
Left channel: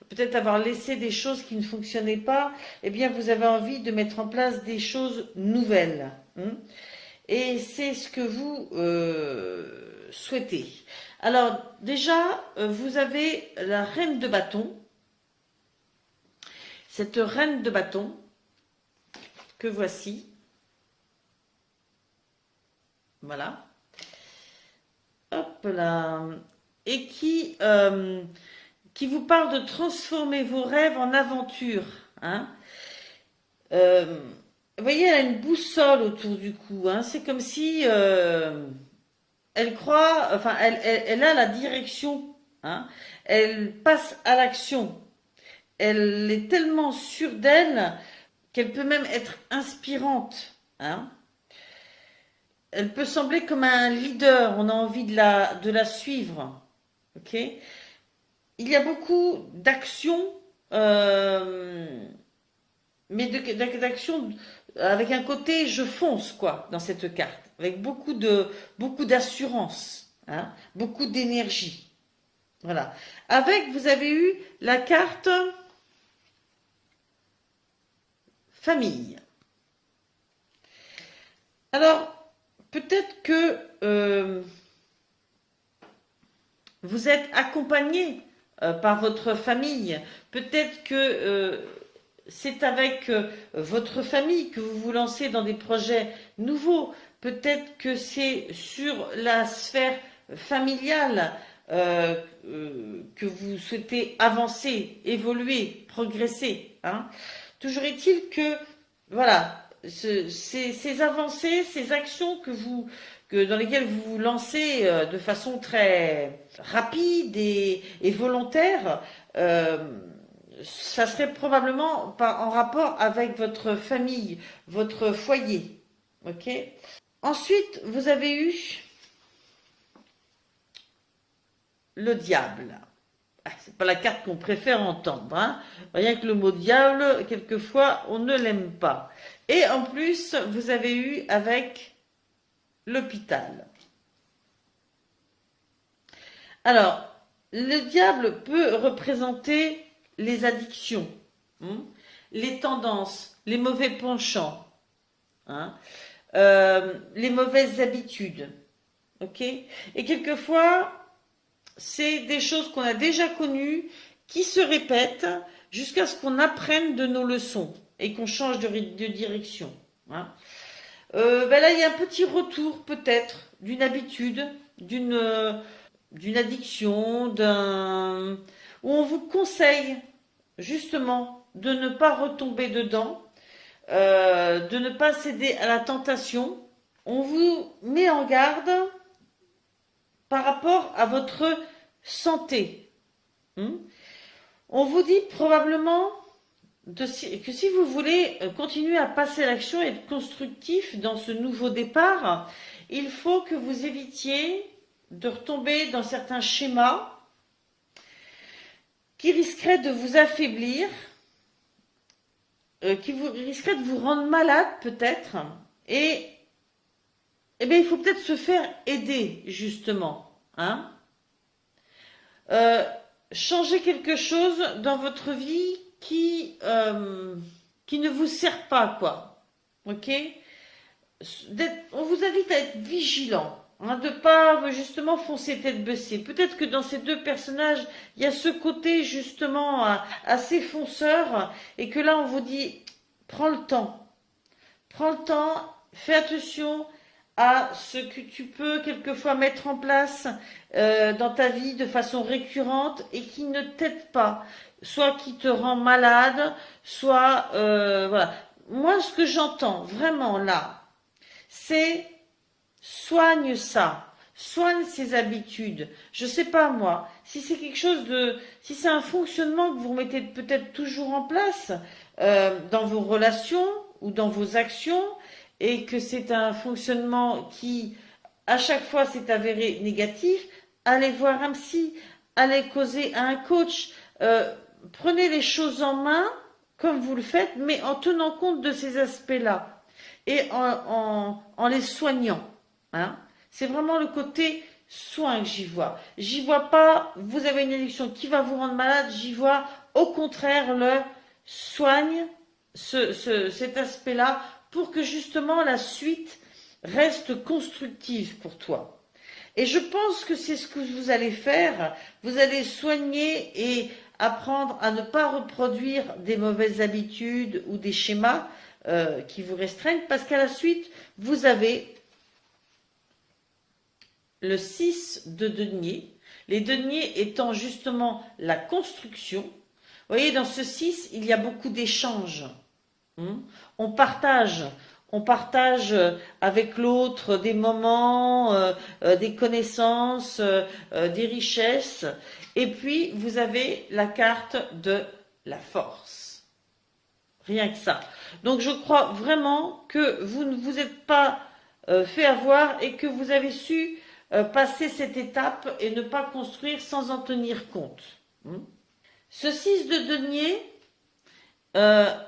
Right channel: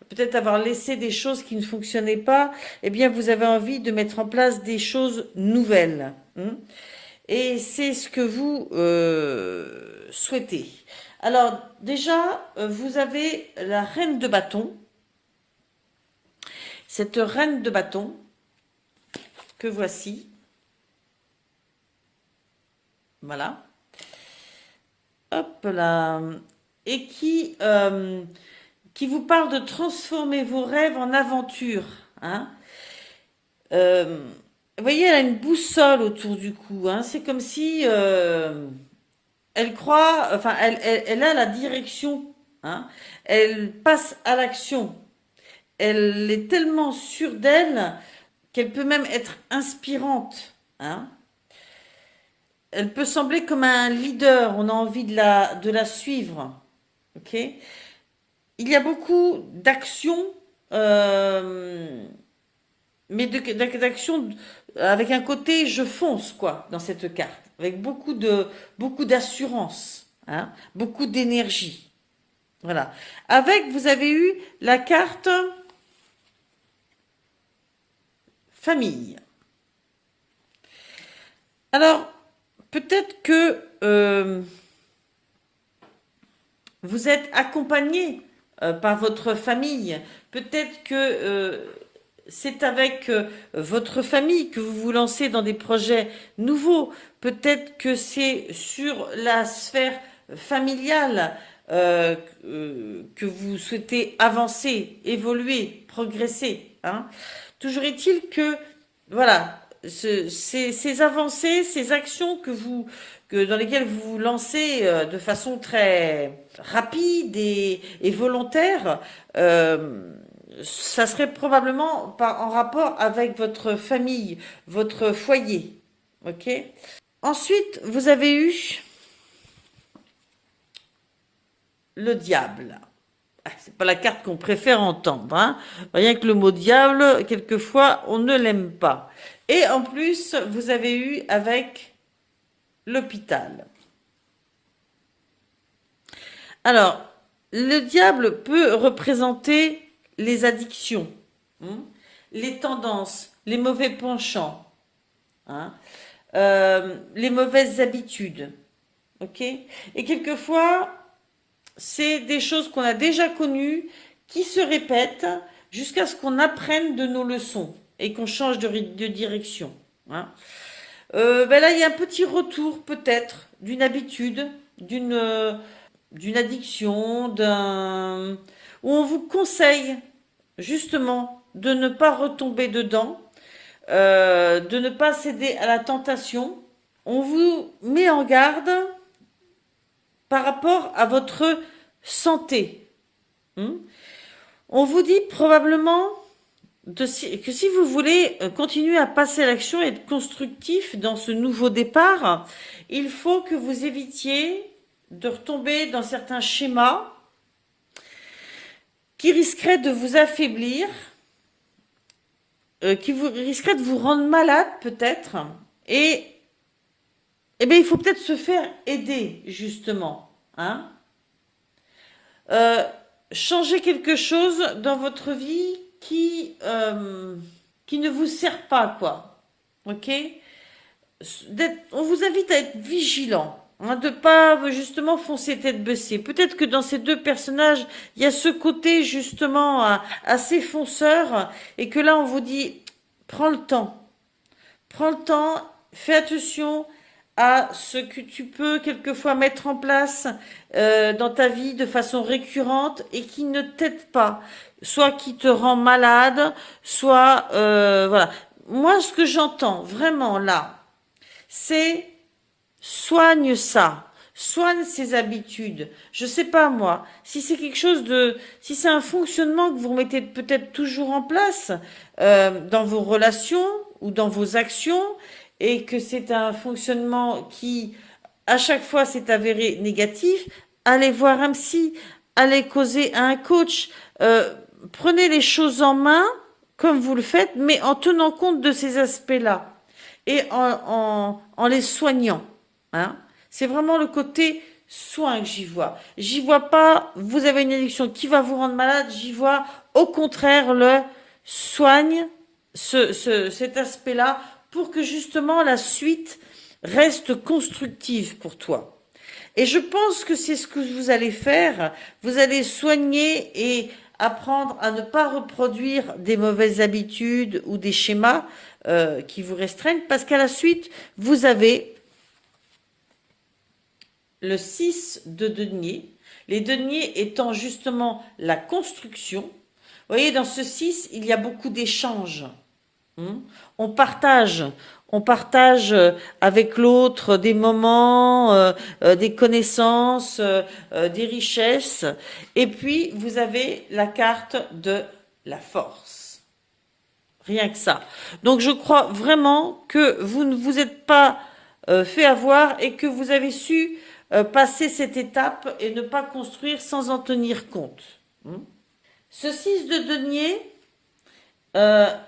peut-être avoir laissé des choses qui ne fonctionnaient pas, eh bien, vous avez envie de mettre en place des choses nouvelles. Et c'est ce que vous souhaitez. Alors, déjà, vous avez la reine de bâton. Cette reine de bâton que voici. Voilà. Hop là. Et qui vous parle de transformer vos rêves en aventure. Hein. Vous voyez, elle a une boussole autour du cou. Hein. C'est comme si elle croit, enfin, elle a la direction. Hein. Elle passe à l'action. Elle est tellement sûre d'elle qu'elle peut même être inspirante. Hein. Elle peut sembler comme un leader, on a envie de la suivre. Ok. Il y a beaucoup d'actions, mais d'actions avec un côté je fonce, quoi, dans cette carte, avec beaucoup d'assurance, hein, beaucoup d'énergie. Voilà. Avec, vous avez eu la carte famille. Alors, peut-être que vous êtes accompagné par votre famille. Peut-être que c'est avec votre famille que vous vous lancez dans des projets nouveaux. Peut-être que c'est sur la sphère familiale que vous souhaitez avancer, évoluer, progresser. Hein. Toujours est-il que, voilà, ces avancées, ces actions dans lesquelles vous vous lancez de façon très rapide et volontaire, ça serait probablement en rapport avec votre famille, votre foyer. Ok. Ensuite, vous avez eu le diable. C'est pas la carte qu'on préfère entendre. Hein. Rien que le mot diable, quelquefois, on ne l'aime pas. Et en plus, vous avez eu avec l'hôpital. Alors, le diable peut représenter les addictions, hein, les tendances, les mauvais penchants, hein, les mauvaises habitudes. Ok. Et quelquefois, c'est des choses qu'on a déjà connues qui se répètent jusqu'à ce qu'on apprenne de nos leçons et qu'on change de direction. Hein. Ben là, il y a un petit retour peut-être d'une habitude, d'une addiction, où on vous conseille justement de ne pas retomber dedans, de ne pas céder à la tentation. On vous met en garde par rapport à votre santé. On vous dit probablement que si vous voulez continuer à passer à l'action et être constructif dans ce nouveau départ, il faut que vous évitiez de retomber dans certains schémas qui risqueraient de vous affaiblir, qui risqueraient de vous rendre malade peut-être, et bien il faut peut-être se faire aider justement, hein. Changer quelque chose dans votre vie qui ne vous sert pas, quoi. Ok. on vous invite à être vigilant, hein, de pas justement foncer tête baissée. Peut-être que dans ces deux personnages, il y a ce côté justement assez fonceur et que là on vous dit prends le temps. Prends le temps, fais attention à ce que tu peux quelquefois mettre en place dans ta vie de façon récurrente et qui ne t'aide pas, soit qui te rend malade, soit voilà. Moi, ce que j'entends vraiment là, c'est soigne ça, soigne ses habitudes. Je sais pas moi, si c'est quelque chose de, si c'est un fonctionnement que vous mettez peut-être toujours en place dans vos relations ou dans vos actions et que c'est un fonctionnement qui à chaque fois s'est avéré négatif, allez voir un psy, allez causer à un coach, prenez les choses en main comme vous le faites, mais en tenant compte de ces aspects-là et en les soignant. Hein. C'est vraiment le côté soin que j'y vois. J'y vois pas, vous avez une addiction qui va vous rendre malade, j'y vois au contraire le soigne cet aspect-là pour que justement la suite reste constructive pour toi. Et je pense que c'est ce que vous allez faire. Vous allez soigner et apprendre à ne pas reproduire des mauvaises habitudes ou des schémas qui vous restreignent parce qu'à la suite, vous avez le 6 de denier, les deniers étant justement la construction. Vous voyez, dans ce 6, il y a beaucoup d'échanges. On partage, on partage avec l'autre des moments, des connaissances, des richesses. Et puis, vous avez la carte de la force. Rien que ça. Donc, je crois vraiment que vous ne vous êtes pas fait avoir et que vous avez su passer cette étape et ne pas construire sans en tenir compte. Ce 6 de denier,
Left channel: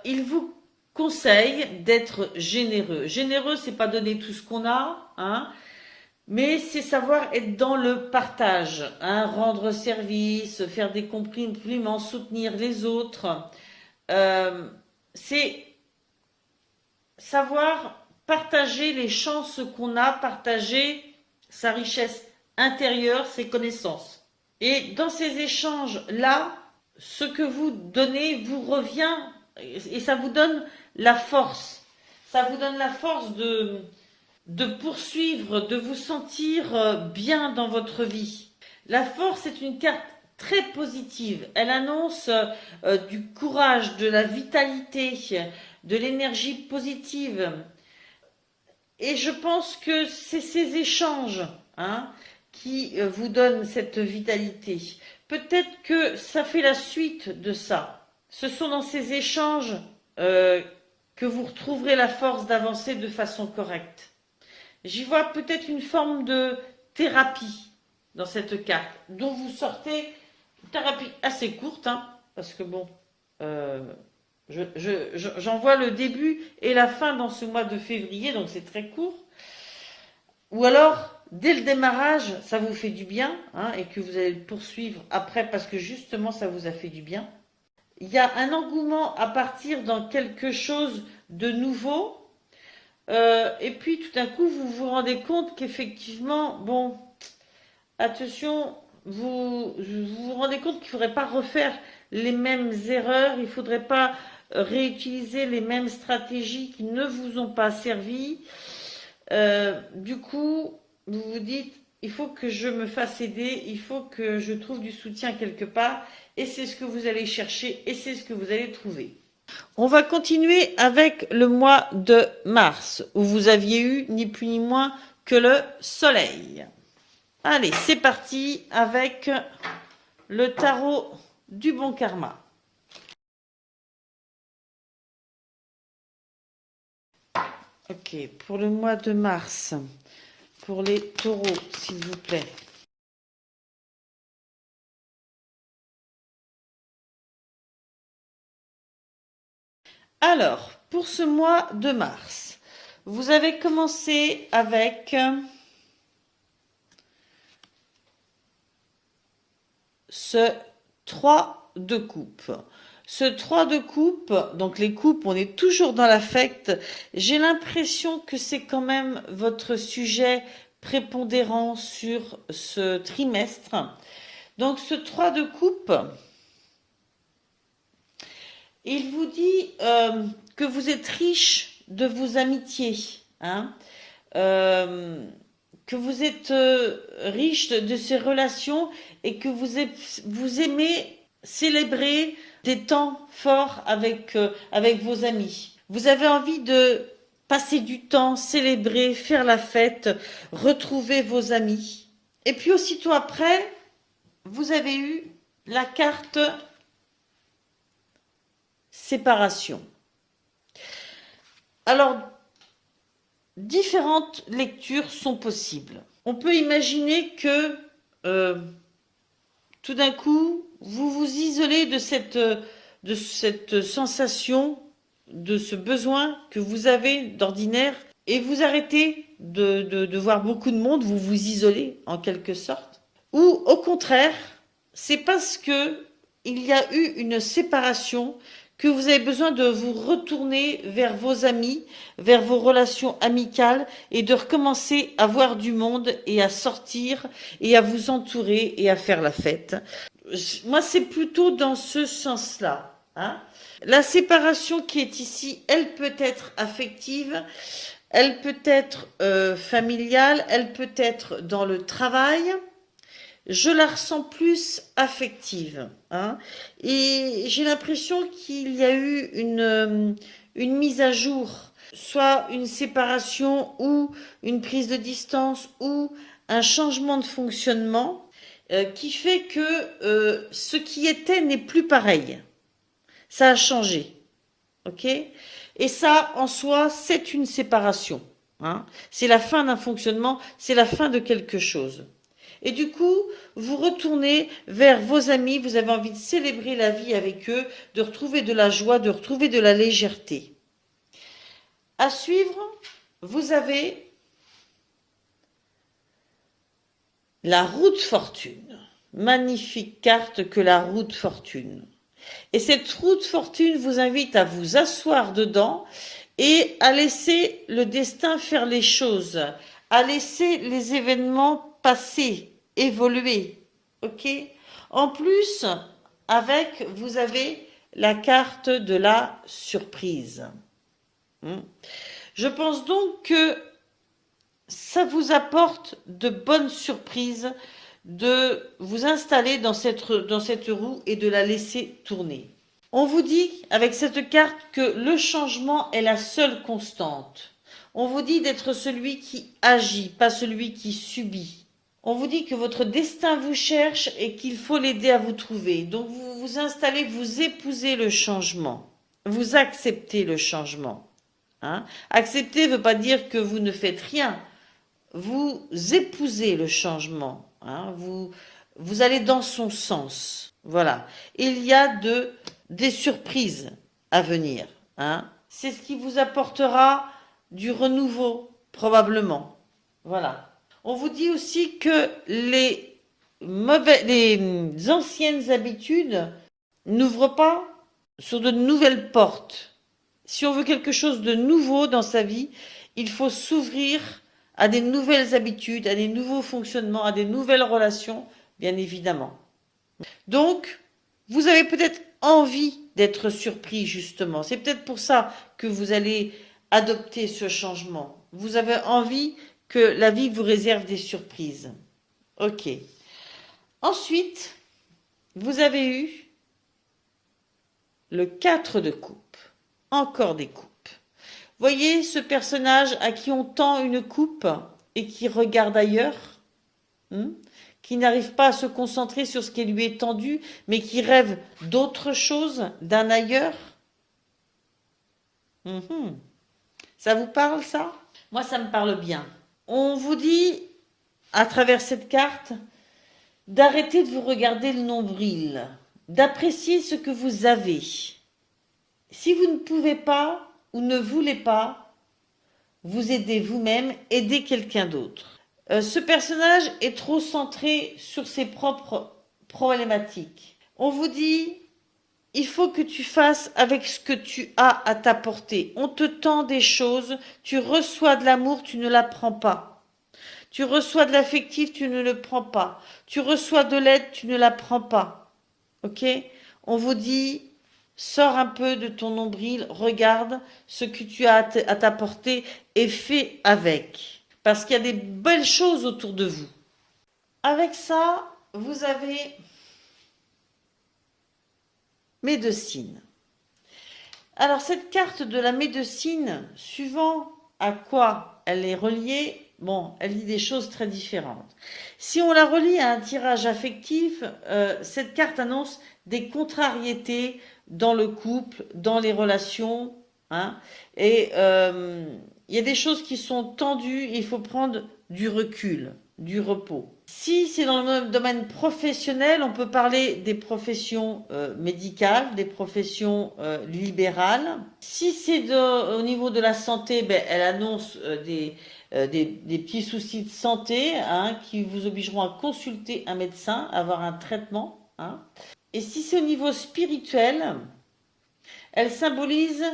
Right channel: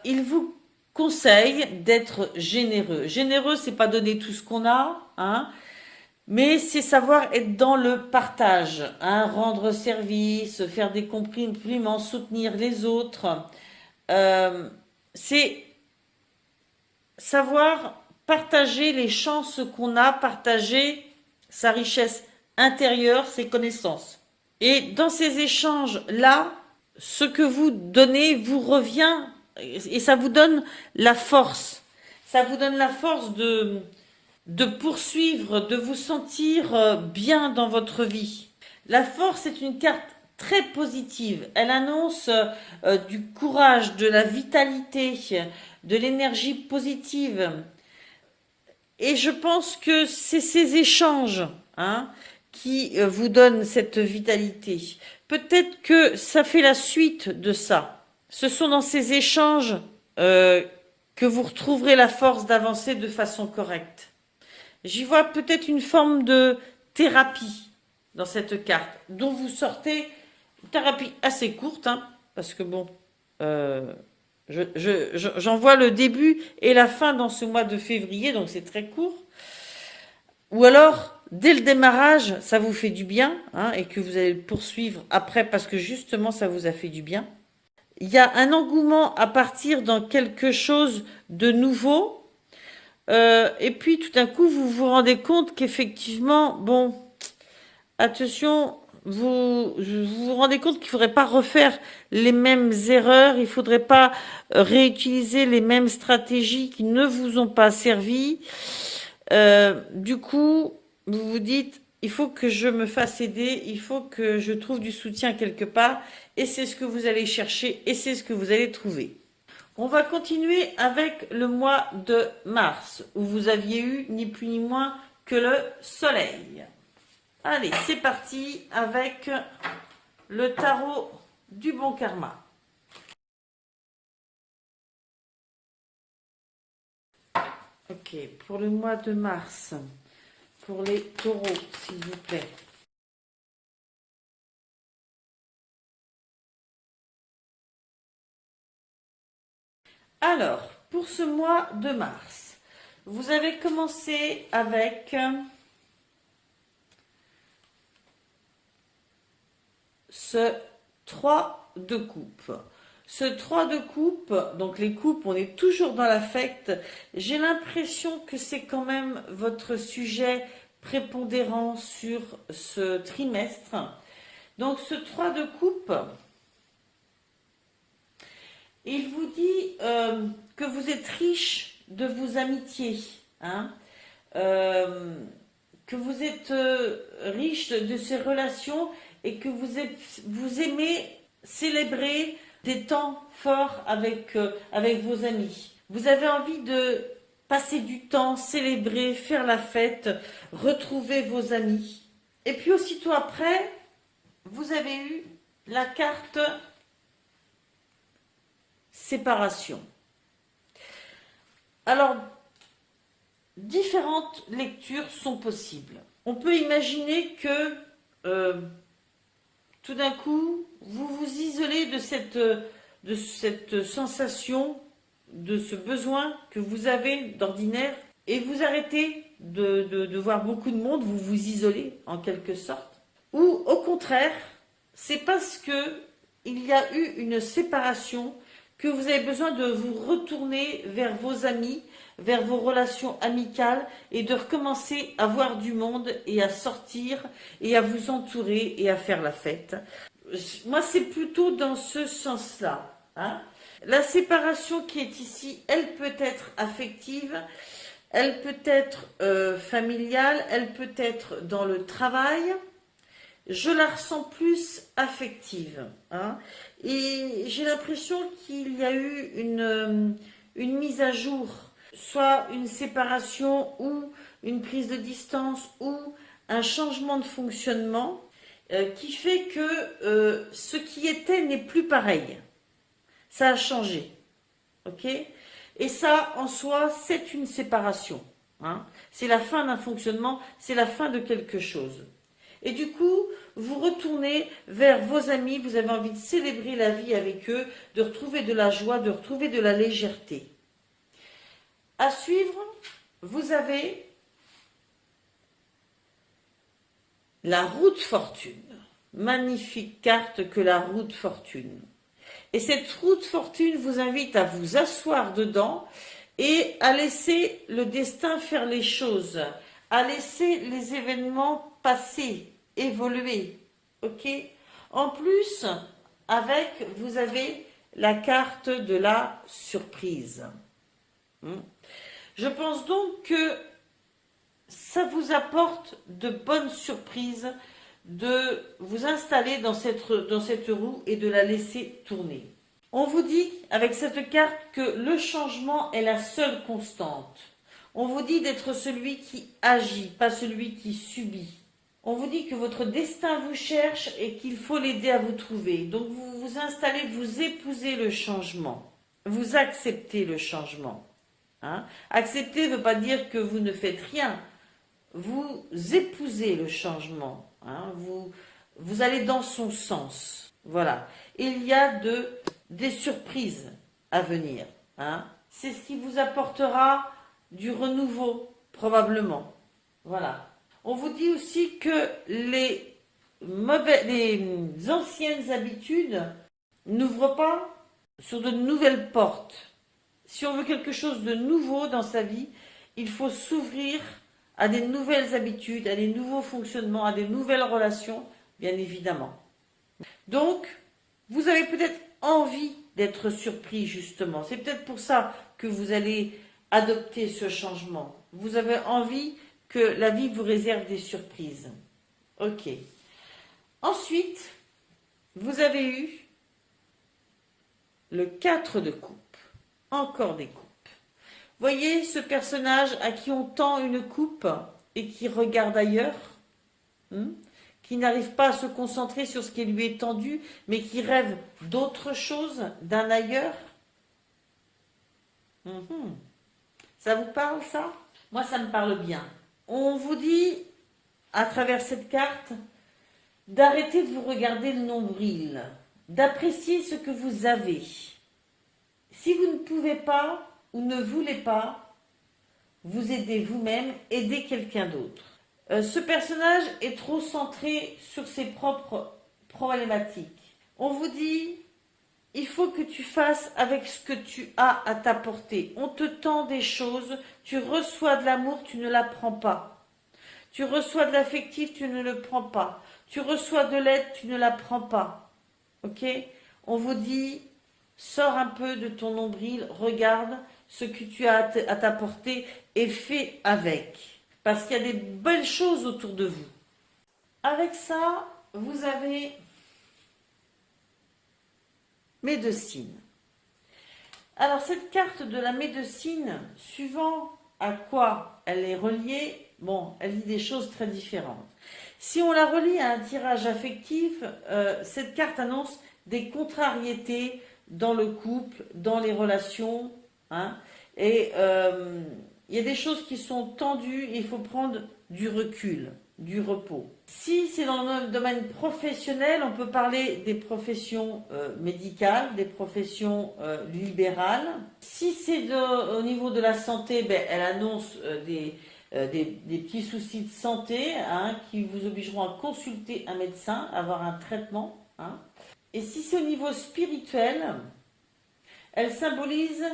il vous conseille d'être généreux. Généreux, c'est pas donner tout ce qu'on a, hein, mais c'est savoir être dans le partage, hein, rendre service, faire des compliments, soutenir les autres. C'est savoir partager les chances qu'on a, partager sa richesse intérieure, ses connaissances. Et dans ces échanges-là, ce que vous donnez vous revient et ça vous donne la force. Ça vous donne la force de poursuivre, de vous sentir bien dans votre vie. La force est une carte très positive. Elle annonce du courage, de la vitalité, de l'énergie positive. Et je pense que c'est ces échanges qui vous donnent cette vitalité. Peut-être que ça fait la suite de ça. Ce sont dans ces échanges que vous retrouverez la force d'avancer de façon correcte. J'y vois peut-être une forme de thérapie dans cette carte, dont vous sortez une thérapie assez courte, parce que bon, j'en vois le début et la fin dans ce mois de février, donc c'est très court. Ou alors, dès le démarrage, ça vous fait du bien, et que vous allez le poursuivre après parce que justement, ça vous a fait du bien. Il y a un engouement à partir dans quelque chose de nouveau. Et puis, tout d'un coup, vous vous rendez compte qu'effectivement, bon, attention, vous vous rendez compte qu'il ne faudrait pas refaire les mêmes erreurs, il ne faudrait pas réutiliser les mêmes stratégies qui ne vous ont pas servi. Du coup, vous vous dites, il faut que je me fasse aider, il faut que je trouve du soutien quelque part, et c'est ce que vous allez chercher, et c'est ce que vous allez trouver. On va continuer avec le mois de mars, où vous aviez eu ni plus ni moins que le soleil. Allez, c'est parti avec le tarot du bon karma. Ok, pour le mois de mars, pour les taureaux, s'il vous plaît. Alors, pour ce mois de mars, vous avez commencé avec ce 3 de coupe. Ce 3 de coupe, donc les coupes, on est toujours dans l'affect. J'ai l'impression que c'est quand même votre sujet prépondérant sur ce trimestre. Donc ce 3 de coupe, il vous dit que vous êtes riche de vos amitiés, hein, que vous êtes riche de ces relations et que vous aimez célébrer des temps forts avec vos amis. Vous avez envie de passer du temps, célébrer, faire la fête, retrouver vos amis. Et puis aussitôt après, vous avez eu la carte séparation. Alors, différentes lectures sont possibles. On peut imaginer que tout d'un coup, vous vous isolez de cette sensation, de ce besoin que vous avez d'ordinaire et vous arrêtez de voir beaucoup de monde, vous vous isolez en quelque sorte. Ou au contraire, c'est parce que il y a eu une séparation que vous avez besoin de vous retourner vers vos amis, vers vos relations amicales et de recommencer à voir du monde et à sortir et à vous entourer et à faire la fête. Moi, c'est plutôt dans ce sens-là, hein. La séparation qui est ici, elle peut être affective, elle peut être familiale, elle peut être dans le travail. Je la ressens plus affective, hein. Et j'ai l'impression qu'il y a eu une mise à jour, soit une séparation ou une prise de distance ou un changement de fonctionnement qui fait que ce qui était n'est plus pareil. Ça a changé, ok? Et ça, en soi, c'est une séparation, hein. C'est la fin d'un fonctionnement, c'est la fin de quelque chose. Et du coup, vous retournez vers vos amis, vous avez envie de célébrer la vie avec eux, de retrouver de la joie, de retrouver de la légèreté. À suivre, vous avez la roue de fortune. Magnifique carte que la roue de fortune. Et cette roue de fortune vous invite à vous asseoir dedans et à laisser le destin faire les choses, à laisser les événements passer, évoluer, ok? En plus, vous avez la carte de la surprise. Je pense donc que ça vous apporte de bonnes surprises de vous installer dans cette roue et de la laisser tourner. On vous dit avec cette carte que le changement est la seule constante. On vous dit d'être celui qui agit, pas celui qui subit. On vous dit que votre destin vous cherche et qu'il faut l'aider à vous trouver. Donc vous vous installez, vous épousez le changement. Vous acceptez le changement, hein. Accepter ne veut pas dire que vous ne faites rien. Vous épousez le changement, hein. Vous allez dans son sens. Voilà. Il y a des surprises à venir, hein. C'est ce qui vous apportera du renouveau, probablement. Voilà. On vous dit aussi que les anciennes habitudes n'ouvrent pas sur de nouvelles portes. Si on veut quelque chose de nouveau dans sa vie, il faut s'ouvrir à des nouvelles habitudes, à des nouveaux fonctionnements, à des nouvelles relations, bien évidemment. Donc, vous avez peut-être envie d'être surpris, justement. C'est peut-être pour ça que vous allez adopter ce changement. Vous avez envie que la vie vous réserve des surprises. Ok. Ensuite, vous avez eu le 4 de coupe. Encore des coupes. Voyez ce personnage à qui on tend une coupe et qui regarde ailleurs, qui n'arrive pas à se concentrer sur ce qui lui est tendu, mais qui rêve d'autre chose, d'un ailleurs. Ça vous parle, ça? Moi, ça me parle bien. On vous dit, à travers cette carte, d'arrêter de vous regarder le nombril, d'apprécier ce que vous avez. Si vous ne pouvez pas ou ne voulez pas, vous aidez vous-même, aidez quelqu'un d'autre. Ce personnage est trop centré sur ses propres problématiques. On vous dit il faut que tu fasses avec ce que tu as à t'apporter. On te tend des choses, tu reçois de l'amour, tu ne la prends pas. Tu reçois de l'affectif, tu ne le prends pas. Tu reçois de l'aide, tu ne la prends pas. Ok? On vous dit, sors un peu de ton nombril, regarde ce que tu as à t'apporter et fais avec. Parce qu'il y a des belles choses autour de vous. Avec ça, vous avez médecine. Alors cette carte de la médecine, suivant à quoi elle est reliée, bon, elle dit des choses très différentes. Si on la relie à un tirage affectif, cette carte annonce des contrariétés dans le couple, dans les relations, hein, et il y a des choses qui sont tendues, il faut prendre du recul, du repos. Si c'est dans le domaine professionnel, on peut parler des professions médicales, des professions libérales. Si c'est au niveau de la santé, ben, elle annonce des petits soucis de santé, hein, qui vous obligeront à consulter un médecin, avoir un traitement, hein. Et si c'est au niveau spirituel, elle symbolise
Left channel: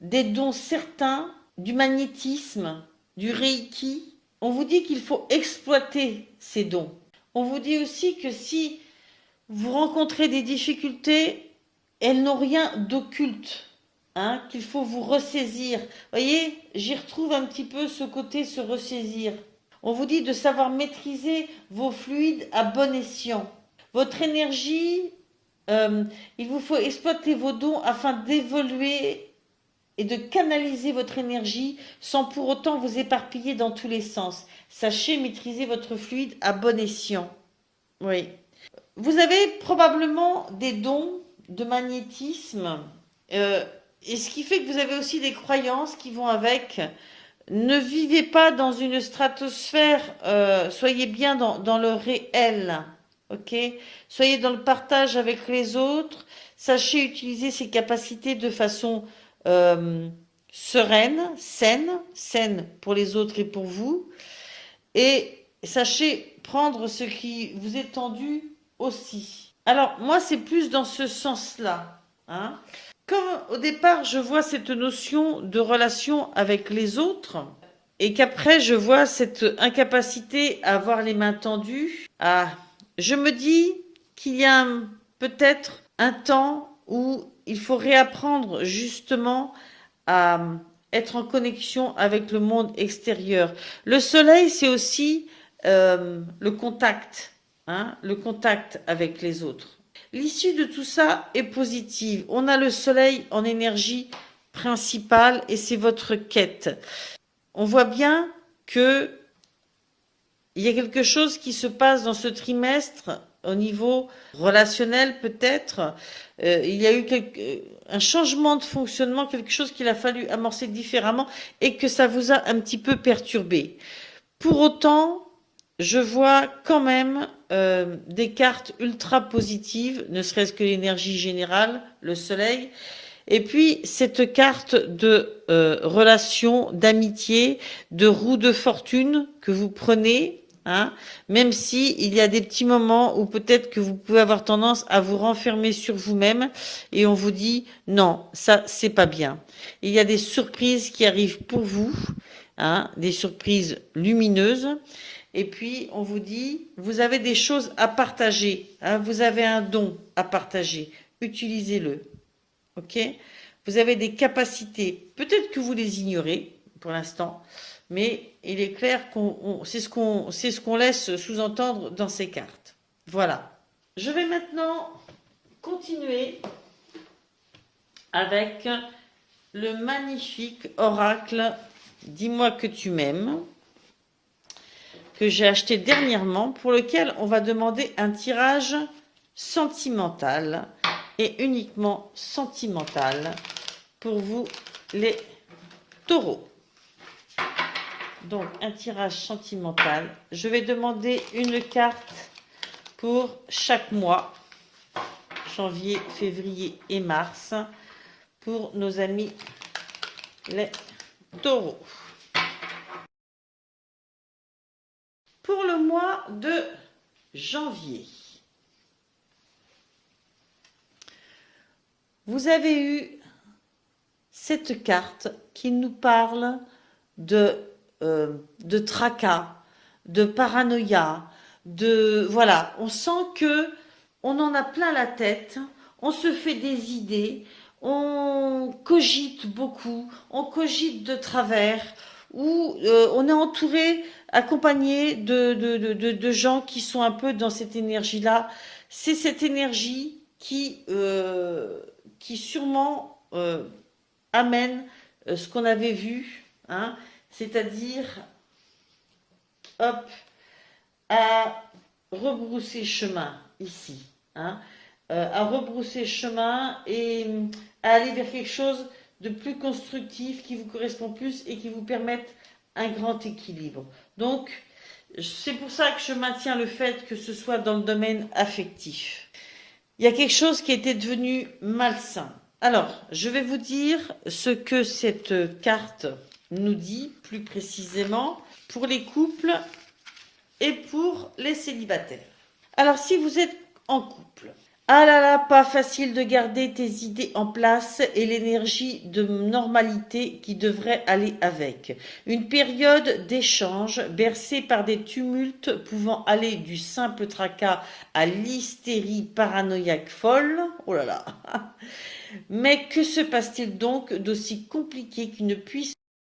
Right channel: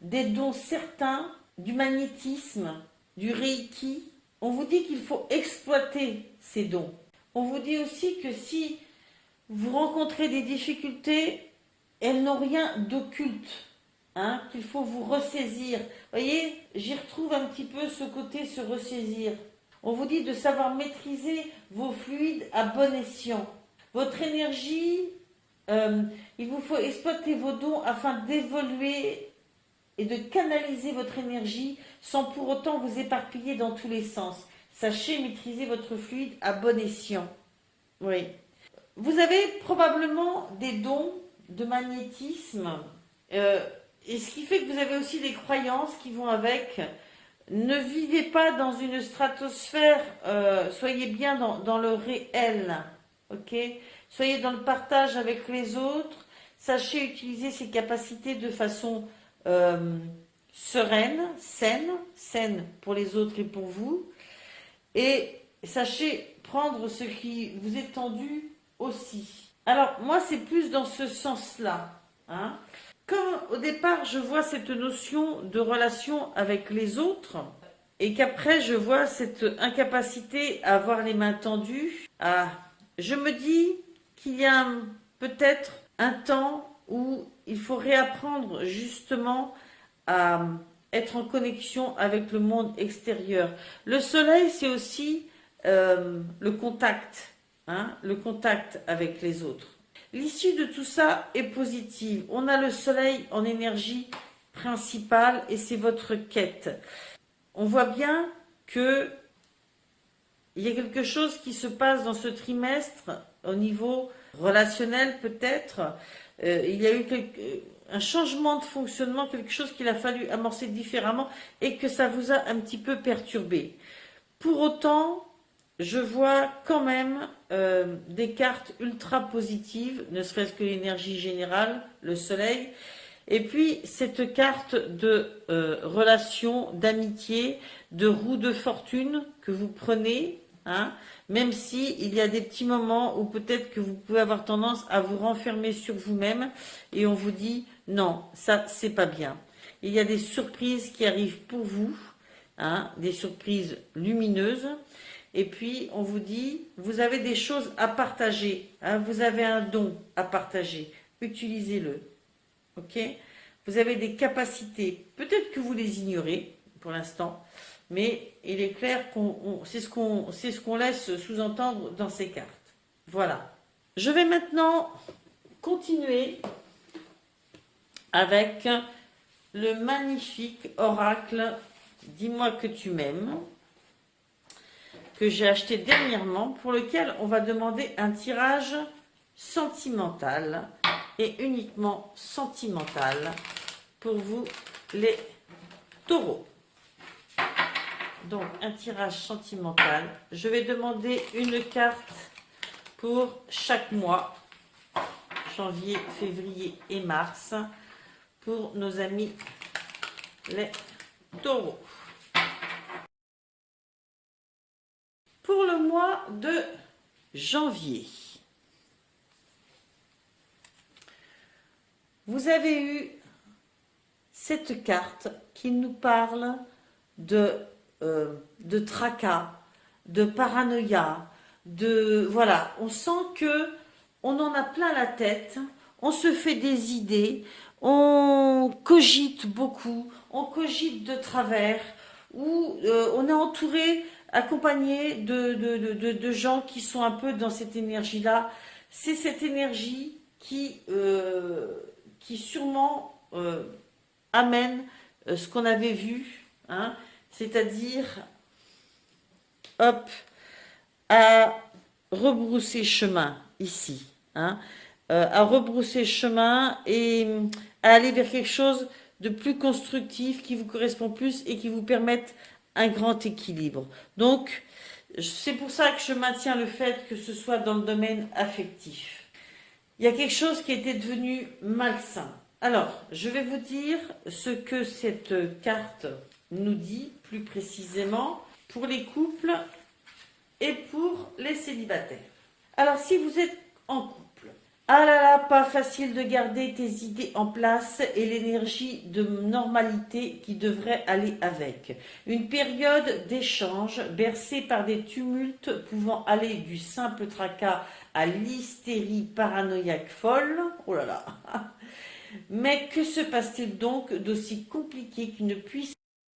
des dons certains, du magnétisme, du reiki. On vous dit qu'il faut exploiter ces dons. On vous dit aussi que si vous rencontrez des difficultés, elles n'ont rien d'occulte, hein, qu'il faut vous ressaisir. Vous voyez, j'y retrouve un petit peu ce côté se ressaisir. On vous dit de savoir maîtriser vos fluides à bon escient. Votre énergie, il vous faut exploiter vos dons afin d'évoluer et de canaliser votre énergie sans pour autant vous éparpiller dans tous les sens. Sachez maîtriser votre fluide à bon escient. Oui. Vous avez probablement des dons de magnétisme, et ce qui fait que vous avez aussi des croyances qui vont avec. Ne vivez pas dans une stratosphère, soyez bien dans le réel, ok? Soyez dans le partage avec les autres, sachez utiliser ces capacités de façon sereine, saine pour les autres et pour vous, et sachez prendre ce qui vous est tendu aussi. Alors, moi, c'est plus dans ce sens-là, hein. Comme au départ, je vois cette notion de relation avec les autres, et qu'après, je vois cette incapacité à avoir les mains tendues, je me dis qu'il y a peut-être un temps où il faut réapprendre justement à être en connexion avec le monde extérieur. Le soleil, c'est aussi le contact, hein, le contact avec les autres. L'issue de tout ça est positive. On a le soleil en énergie principale et c'est votre quête. On voit bien que il y a quelque chose qui se passe dans ce trimestre au niveau relationnel peut-être. Il y a eu un changement de fonctionnement, quelque chose qu'il a fallu amorcer différemment et que ça vous a un petit peu perturbé. Pour autant, je vois quand même des cartes ultra positives, ne serait-ce que l'énergie générale, le soleil, et puis cette carte de relation, d'amitié, de roue de fortune que vous prenez, hein, même si il y a des petits moments où peut-être que vous pouvez avoir tendance à vous renfermer sur vous-même et on vous dit non, ça c'est pas bien. Il y a des surprises qui arrivent pour vous, hein, des surprises lumineuses. Et puis, on vous dit, vous avez des choses à partager, hein, vous avez un don à partager, utilisez-le. Ok? Vous avez des capacités, peut-être que vous les ignorez pour l'instant, mais il est clair qu'on c'est ce qu'on laisse sous-entendre dans ces cartes. Voilà. Je vais maintenant continuer avec le magnifique oracle Dis-moi que tu m'aimes, que j'ai acheté dernièrement, pour lequel on va demander un tirage sentimental et uniquement sentimental pour vous les taureaux. Donc un tirage sentimental. Je vais demander une carte pour chaque mois, janvier, février et mars, pour nos amis les taureaux. Pour le mois de janvier, Vous avez eu cette carte qui nous parle de, de tracas, de paranoïa, voilà, on sent que on en a plein la tête, on se fait des idées, on cogite beaucoup, on cogite de travers, ou on est entouré, accompagné de gens qui sont un peu dans cette énergie-là. C'est cette énergie qui sûrement amène ce qu'on avait vu, hein, c'est-à-dire, hop, à rebrousser chemin ici, hein, à rebrousser chemin et à aller vers quelque chose de plus constructif qui vous correspond plus et qui vous permette un grand équilibre. Donc, c'est pour ça que je maintiens le fait que ce soit dans le domaine affectif. Il y a quelque chose qui était devenu malsain. Alors, je vais vous dire ce que cette carte nous dit plus précisément pour les couples et pour les célibataires. Alors, si vous êtes en couple, ah là là, pas facile de garder tes idées en place et l'énergie de normalité qui devrait aller avec. Une période d'échange bercée par des tumultes pouvant aller du simple tracas à l'hystérie paranoïaque folle. Oh là là. Mais que se passe-t-il donc d'aussi compliqué qu'il ne puisse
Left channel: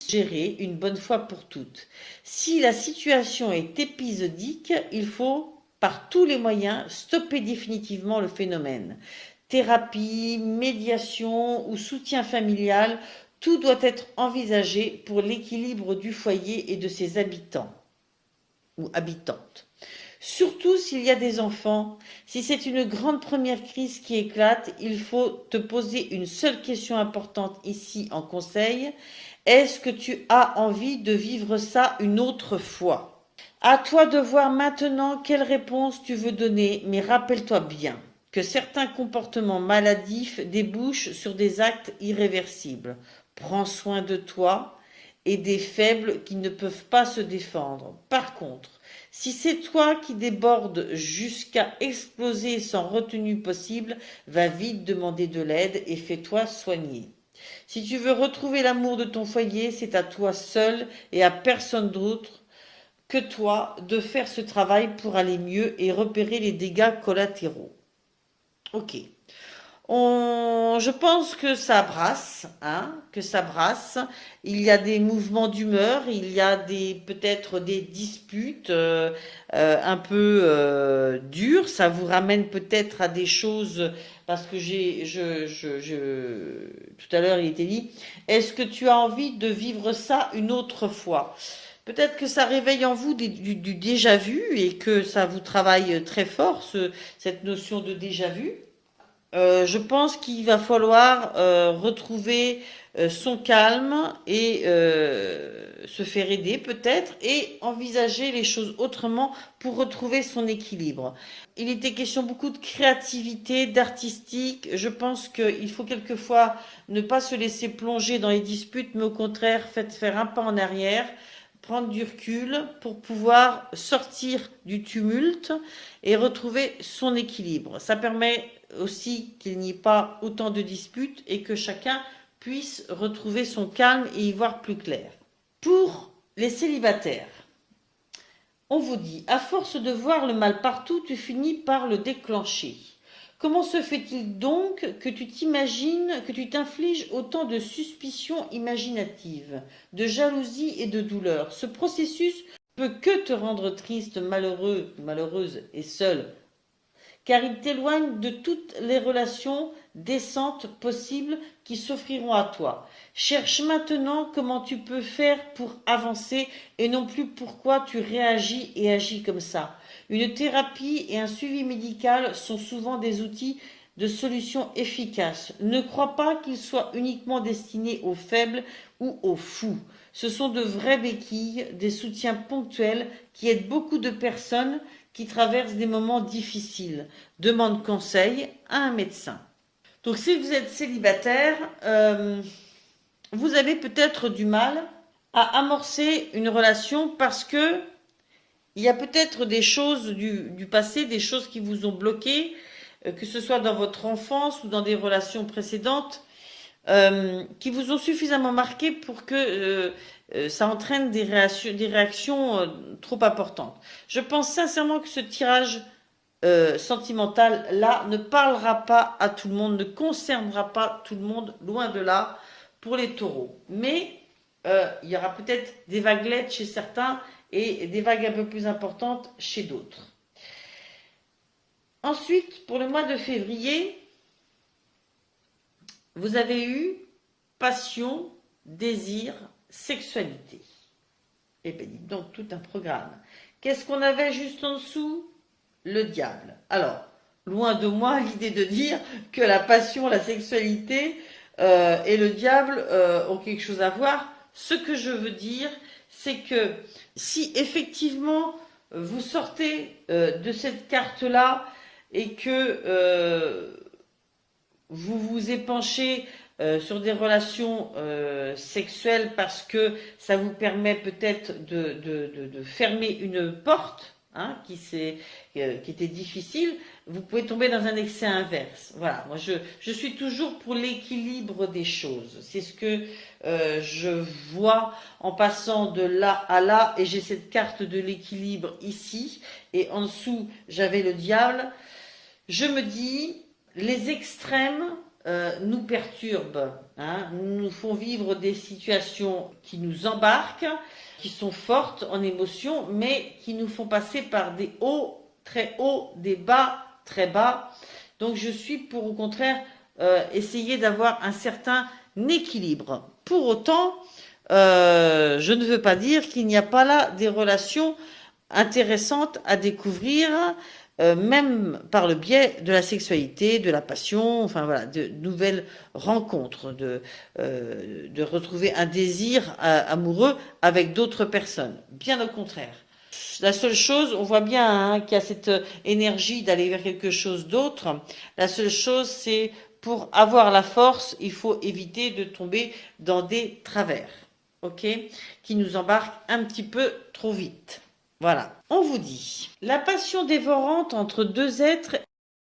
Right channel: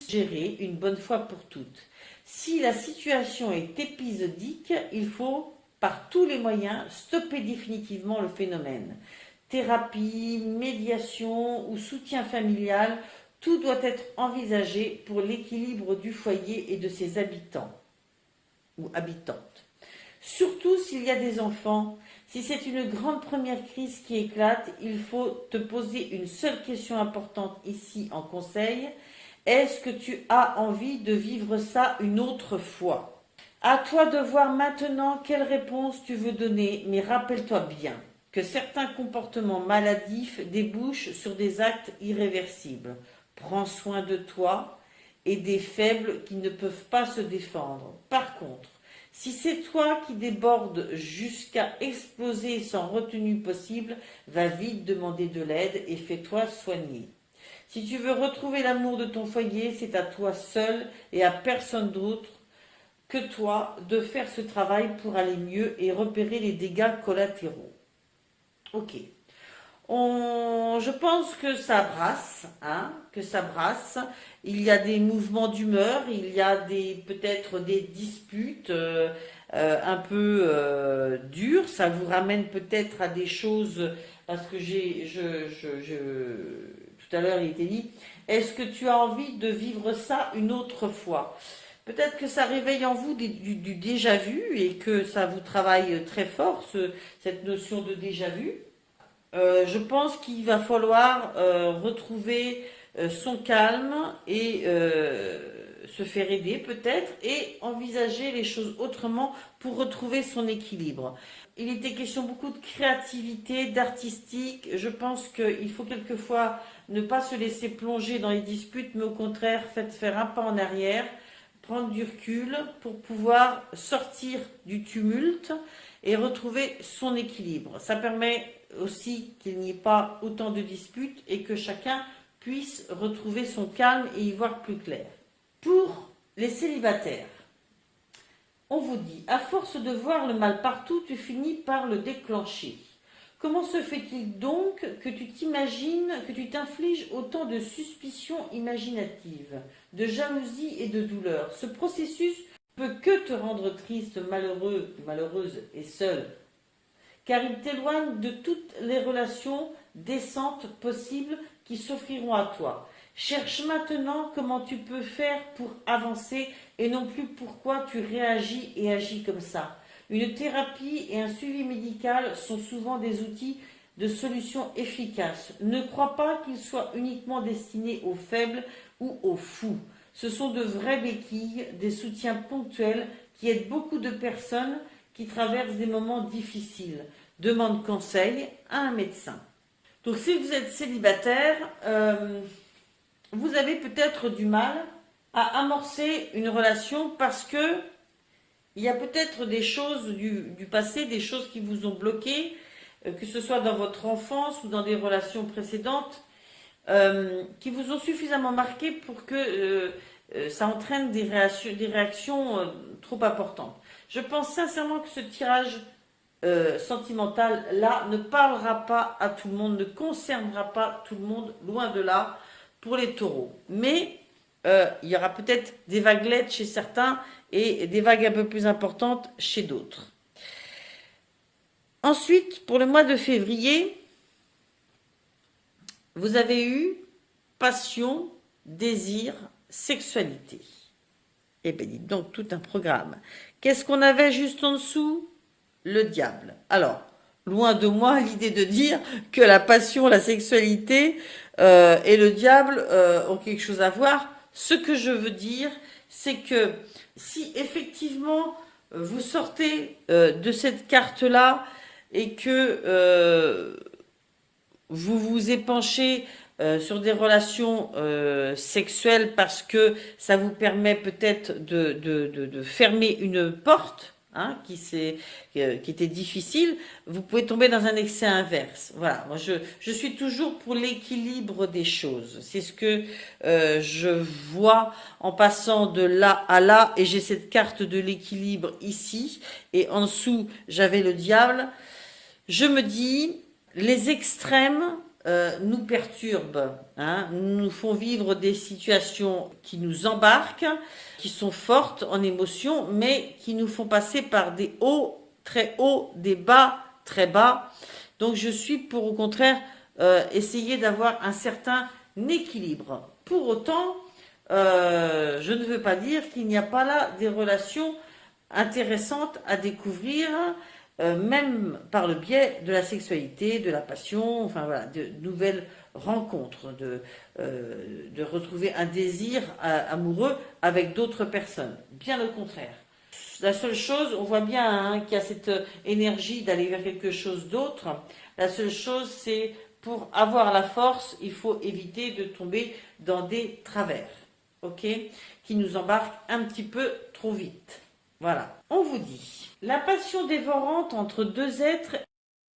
gérer une bonne fois pour toutes? Si la situation est épisodique, il faut par tous les moyens stopper définitivement le phénomène. Thérapie, médiation ou soutien familial, tout doit être envisagé pour l'équilibre du foyer et de ses habitants ou habitantes. Surtout s'il y a des enfants, si c'est une grande première crise qui éclate, il faut te poser une seule question importante ici en conseil. Est-ce que tu as envie de vivre ça une autre fois? À toi de voir maintenant quelle réponse tu veux donner, mais rappelle-toi bien que certains comportements maladifs débouchent sur des actes irréversibles. Prends soin de toi et des faibles qui ne peuvent pas se défendre. Par contre, si c'est toi qui débordes jusqu'à exploser sans retenue possible, va vite demander de l'aide et fais-toi soigner. Si tu veux retrouver l'amour de ton foyer, c'est à toi seul et à personne d'autre que toi de faire ce travail pour aller mieux et repérer les dégâts collatéraux. Ok. Je pense que ça brasse, hein, que ça brasse. Il y a des mouvements d'humeur, il y a peut-être des disputes un peu dures. Ça vous ramène peut-être à des choses parce que tout à l'heure il était dit, est-ce que tu as envie de vivre ça une autre fois? Peut-être que ça réveille en vous du déjà vu et que ça vous travaille très fort, cette notion de déjà vu. Je pense qu'il va falloir retrouver son calme et se faire aider peut-être et envisager les choses autrement pour retrouver son équilibre. Il était question beaucoup de créativité, d'artistique. Je pense qu'il faut quelquefois ne pas se laisser plonger dans les disputes, mais au contraire faire un pas en arrière, prendre du recul pour pouvoir sortir du tumulte et retrouver son équilibre. Ça permet aussi qu'il n'y ait pas autant de disputes et que chacun puisse retrouver son calme et y voir plus clair. Pour les célibataires, on vous dit, à force de voir le mal partout, tu finis par le déclencher. Comment se fait-il donc que tu t'imagines, que tu t'infliges autant de suspicions imaginatives, de jalousie et de douleur? Ce processus peut que te rendre triste, malheureux, malheureuse et seule, car il t'éloigne de toutes les relations décentes possibles qui s'offriront à toi. Cherche maintenant comment tu peux faire pour avancer et non plus pourquoi tu réagis et agis comme ça. Une thérapie et un suivi médical sont souvent des outils de solution efficaces. Ne crois pas qu'ils soient uniquement destinés aux faibles ou aux fous. Ce sont de vraies béquilles, des soutiens ponctuels qui aident beaucoup de personnes qui traversent des moments difficiles. Demande conseil à un médecin. Donc si vous êtes célibataire, vous avez peut-être du mal à amorcer une relation parce que il y a peut-être des choses du passé, des choses qui vous ont bloqué, que ce soit dans votre enfance ou dans des relations précédentes, qui vous ont suffisamment marqué pour que ça entraîne des réactions trop importantes. Je pense sincèrement que ce tirage sentimental-là ne parlera pas à tout le monde, ne concernera pas tout le monde, loin de là, pour les taureaux. Mais il y aura peut-être des vaguelettes chez certains et des vagues un peu plus importantes chez d'autres. Ensuite, pour le mois de février, vous avez eu passion, désir, sexualité. Eh bien, dites donc, tout un programme. Qu'est-ce qu'on avait juste en dessous? Le diable. Alors, loin de moi l'idée de dire que la passion, la sexualité et le diable ont quelque chose à voir. Ce que je veux dire, c'est que si effectivement vous sortez de cette carte-là et que vous vous épanchez sur des relations sexuelles parce que ça vous permet peut-être de fermer une porte, hein, qui était difficile, vous pouvez tomber dans un excès inverse. Voilà, moi je suis toujours pour l'équilibre des choses. C'est ce que je vois en passant de là à là, et j'ai cette carte de l'équilibre ici, et en dessous j'avais le diable. Je me dis, les extrêmes nous perturbent, hein, nous font vivre des situations qui nous embarquent, qui sont fortes en émotion, mais qui nous font passer par des hauts très hauts, des bas très bas. Donc je suis pour au contraire essayer d'avoir un certain équilibre. Pour autant, je ne veux pas dire qu'il n'y a pas là des relations intéressantes à découvrir, même par le biais de la sexualité, de la passion, enfin voilà, de nouvelles rencontres, de retrouver un désir amoureux avec d'autres personnes. Bien au contraire. La seule chose, on voit bien hein, qu'il y a cette énergie d'aller vers quelque chose d'autre. La seule chose, c'est pour avoir la force, il faut éviter de tomber dans des travers, ok, qui nous embarquent un petit peu trop vite. Voilà. On vous dit, la passion dévorante entre deux êtres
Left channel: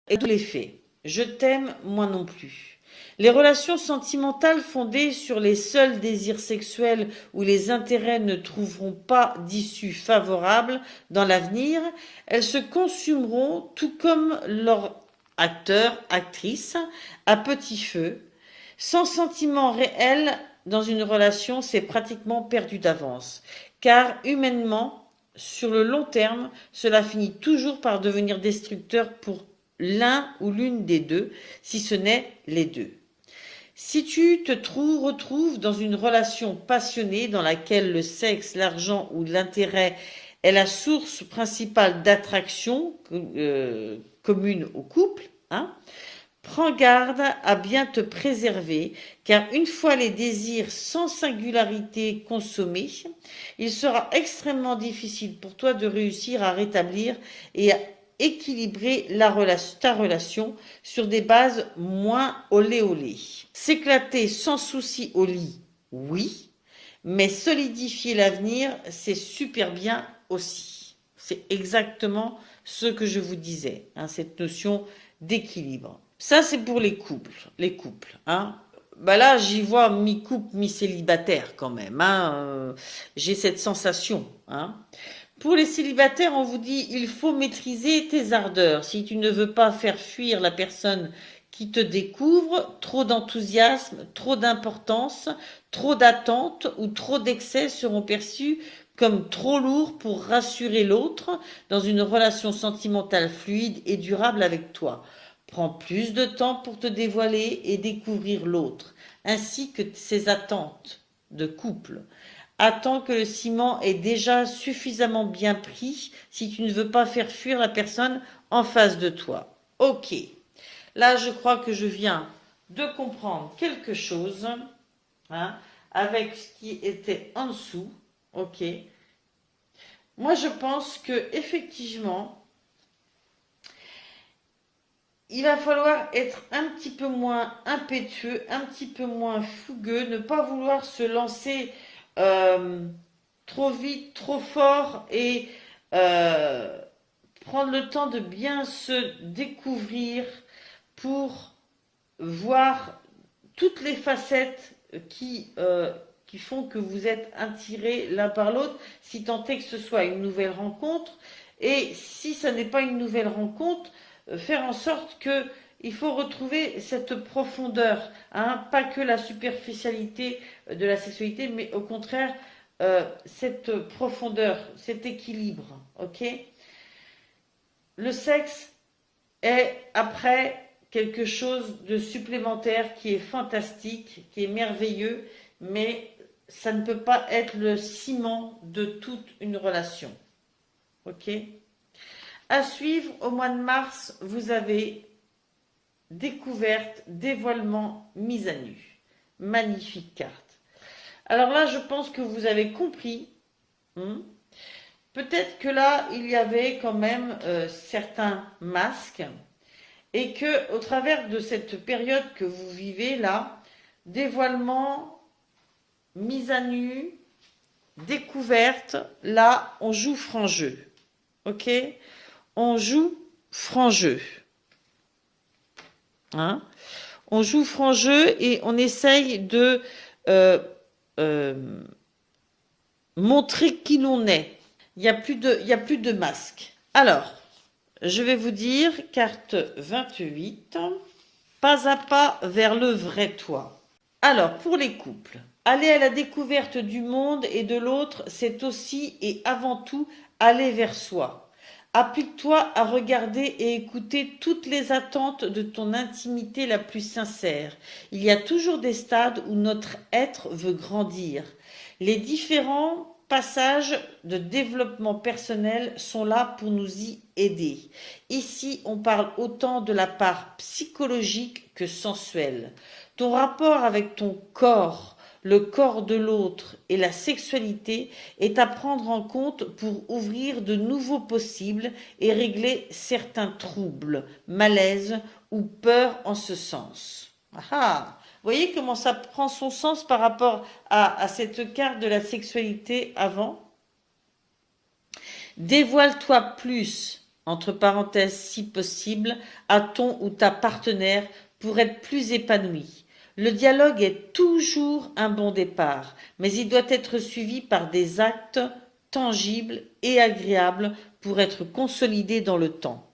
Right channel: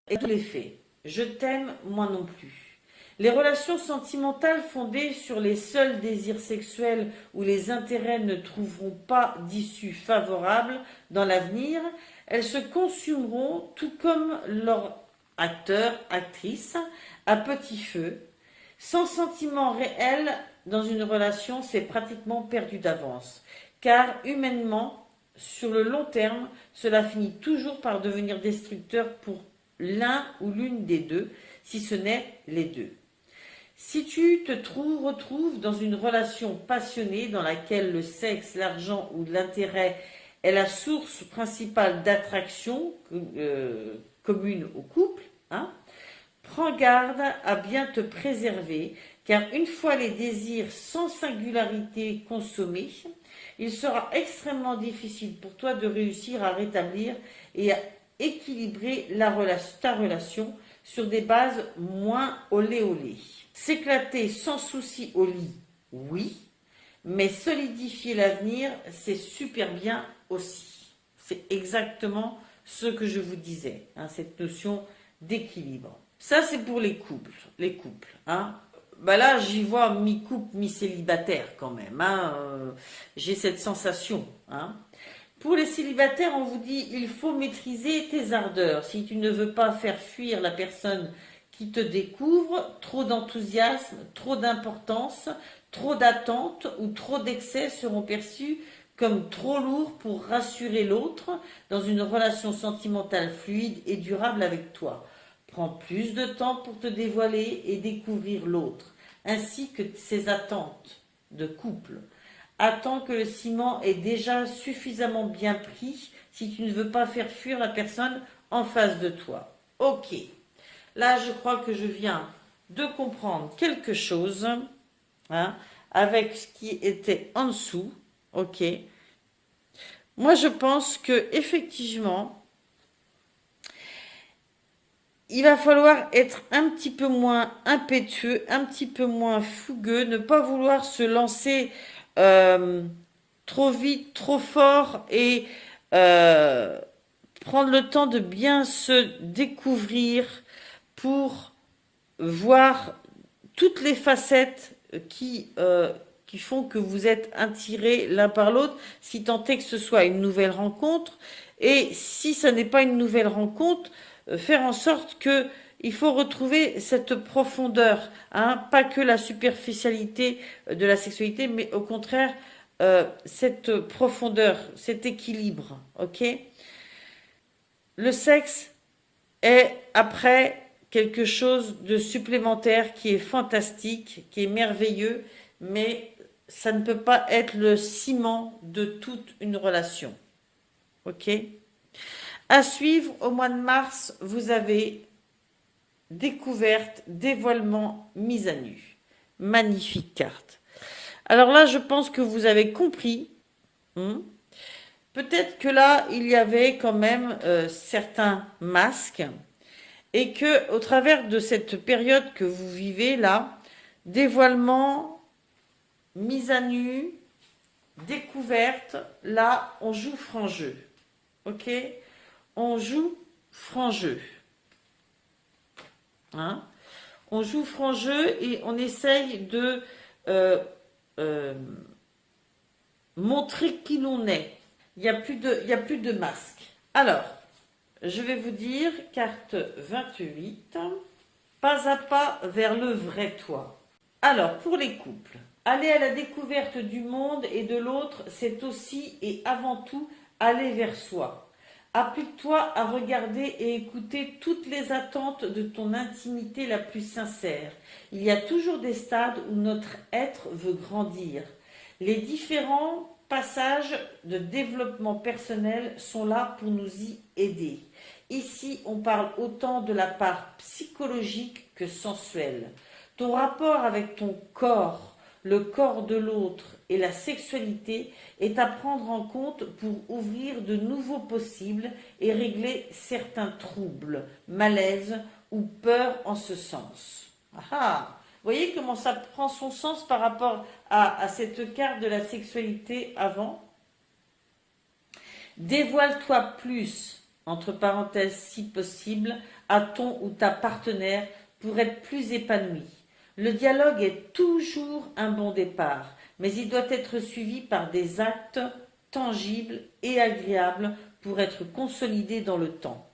est tout l'effet. Je t'aime, moi non plus. Les relations sentimentales fondées sur les seuls désirs sexuels où les intérêts ne trouveront pas d'issue favorable dans l'avenir, elles se consumeront tout comme leur acteur, actrice, à petit feu. Sans sentiment réel dans une relation, c'est pratiquement perdu d'avance. Car humainement, sur le long terme, cela finit toujours par devenir destructeur pour l'un ou l'une des deux, si ce n'est les deux. Si tu te retrouves dans une relation passionnée dans laquelle le sexe, l'argent ou l'intérêt est la source principale d'attraction commune au couple, hein, prends garde à bien te préserver, car une fois les désirs sans singularité consommés, il sera extrêmement difficile pour toi de réussir à rétablir et à équilibrer ta relation sur des bases moins olé olé. S'éclater sans souci au lit, oui, mais solidifier l'avenir, c'est super bien aussi. C'est exactement ce que je vous disais, hein, cette notion d'équilibre. Ça, c'est pour les couples, hein. Bah là, j'y vois mi-couple, mi-célibataire quand même, hein. J'ai cette sensation, hein. Pour les célibataires, on vous dit, il faut maîtriser tes ardeurs. Si tu ne veux pas faire fuir la personne qui te découvre, trop d'enthousiasme, trop d'importance, trop d'attente ou trop d'excès seront perçus comme trop lourds pour rassurer l'autre dans une relation sentimentale fluide et durable avec toi. Prends plus de temps pour te dévoiler et découvrir l'autre, ainsi que ses attentes de couple. Attends que le ciment est déjà suffisamment bien pris si tu ne veux pas faire fuir la personne en face de toi. Ok, là je crois que je viens de comprendre quelque chose, hein, avec ce qui était en dessous. Ok, moi je pense que effectivement, il va falloir être un petit peu moins impétueux, un petit peu moins fougueux, ne pas vouloir se lancer trop vite, trop fort et prendre le temps de bien se découvrir pour voir toutes les facettes qui font que vous êtes attirés l'un par l'autre, si tant est que ce soit une nouvelle rencontre. Et si ce n'est pas une nouvelle rencontre, faire en sorte que il faut retrouver cette profondeur, hein, pas que la superficialité de la sexualité, mais au contraire cette profondeur, cet équilibre, ok? Le sexe est après quelque chose de supplémentaire qui est fantastique, qui est merveilleux, mais ça ne peut pas être le ciment de toute une relation, ok? À suivre, au mois de mars, vous avez découverte, dévoilement, mise à nu. Magnifique carte. Alors là, je pense que vous avez compris. Peut-être que là, il y avait quand même certains masques et que au travers de cette période que vous vivez là, dévoilement, mise à nu, découverte, là, on joue franc jeu. Ok? On joue franc jeu. Hein? On joue franc jeu et on essaye de montrer qui l'on est. Il n'y a plus de masque. Alors, je vais vous dire, carte 28, pas à pas vers le vrai toi. Alors, pour les couples, aller à la découverte du monde et de l'autre, c'est aussi et avant tout aller vers soi. Applique-toi à regarder et écouter toutes les attentes de ton intimité la plus sincère. Il y a toujours des stades où notre être veut grandir. Les différents passages de développement personnel sont là pour nous y aider. Ici, on parle autant de la part psychologique que sensuelle. Ton rapport avec ton corps, le corps de l'autre et la sexualité est à prendre en compte pour ouvrir de nouveaux possibles et régler certains troubles, malaises ou peurs en ce sens. Ah, vous voyez comment ça prend son sens par rapport à cette carte de la sexualité avant? Dévoile-toi plus, entre parenthèses si possible, à ton ou ta partenaire pour être plus épanoui. Le dialogue est toujours un bon départ, mais il doit être suivi par des actes tangibles et agréables pour être consolidé dans le temps.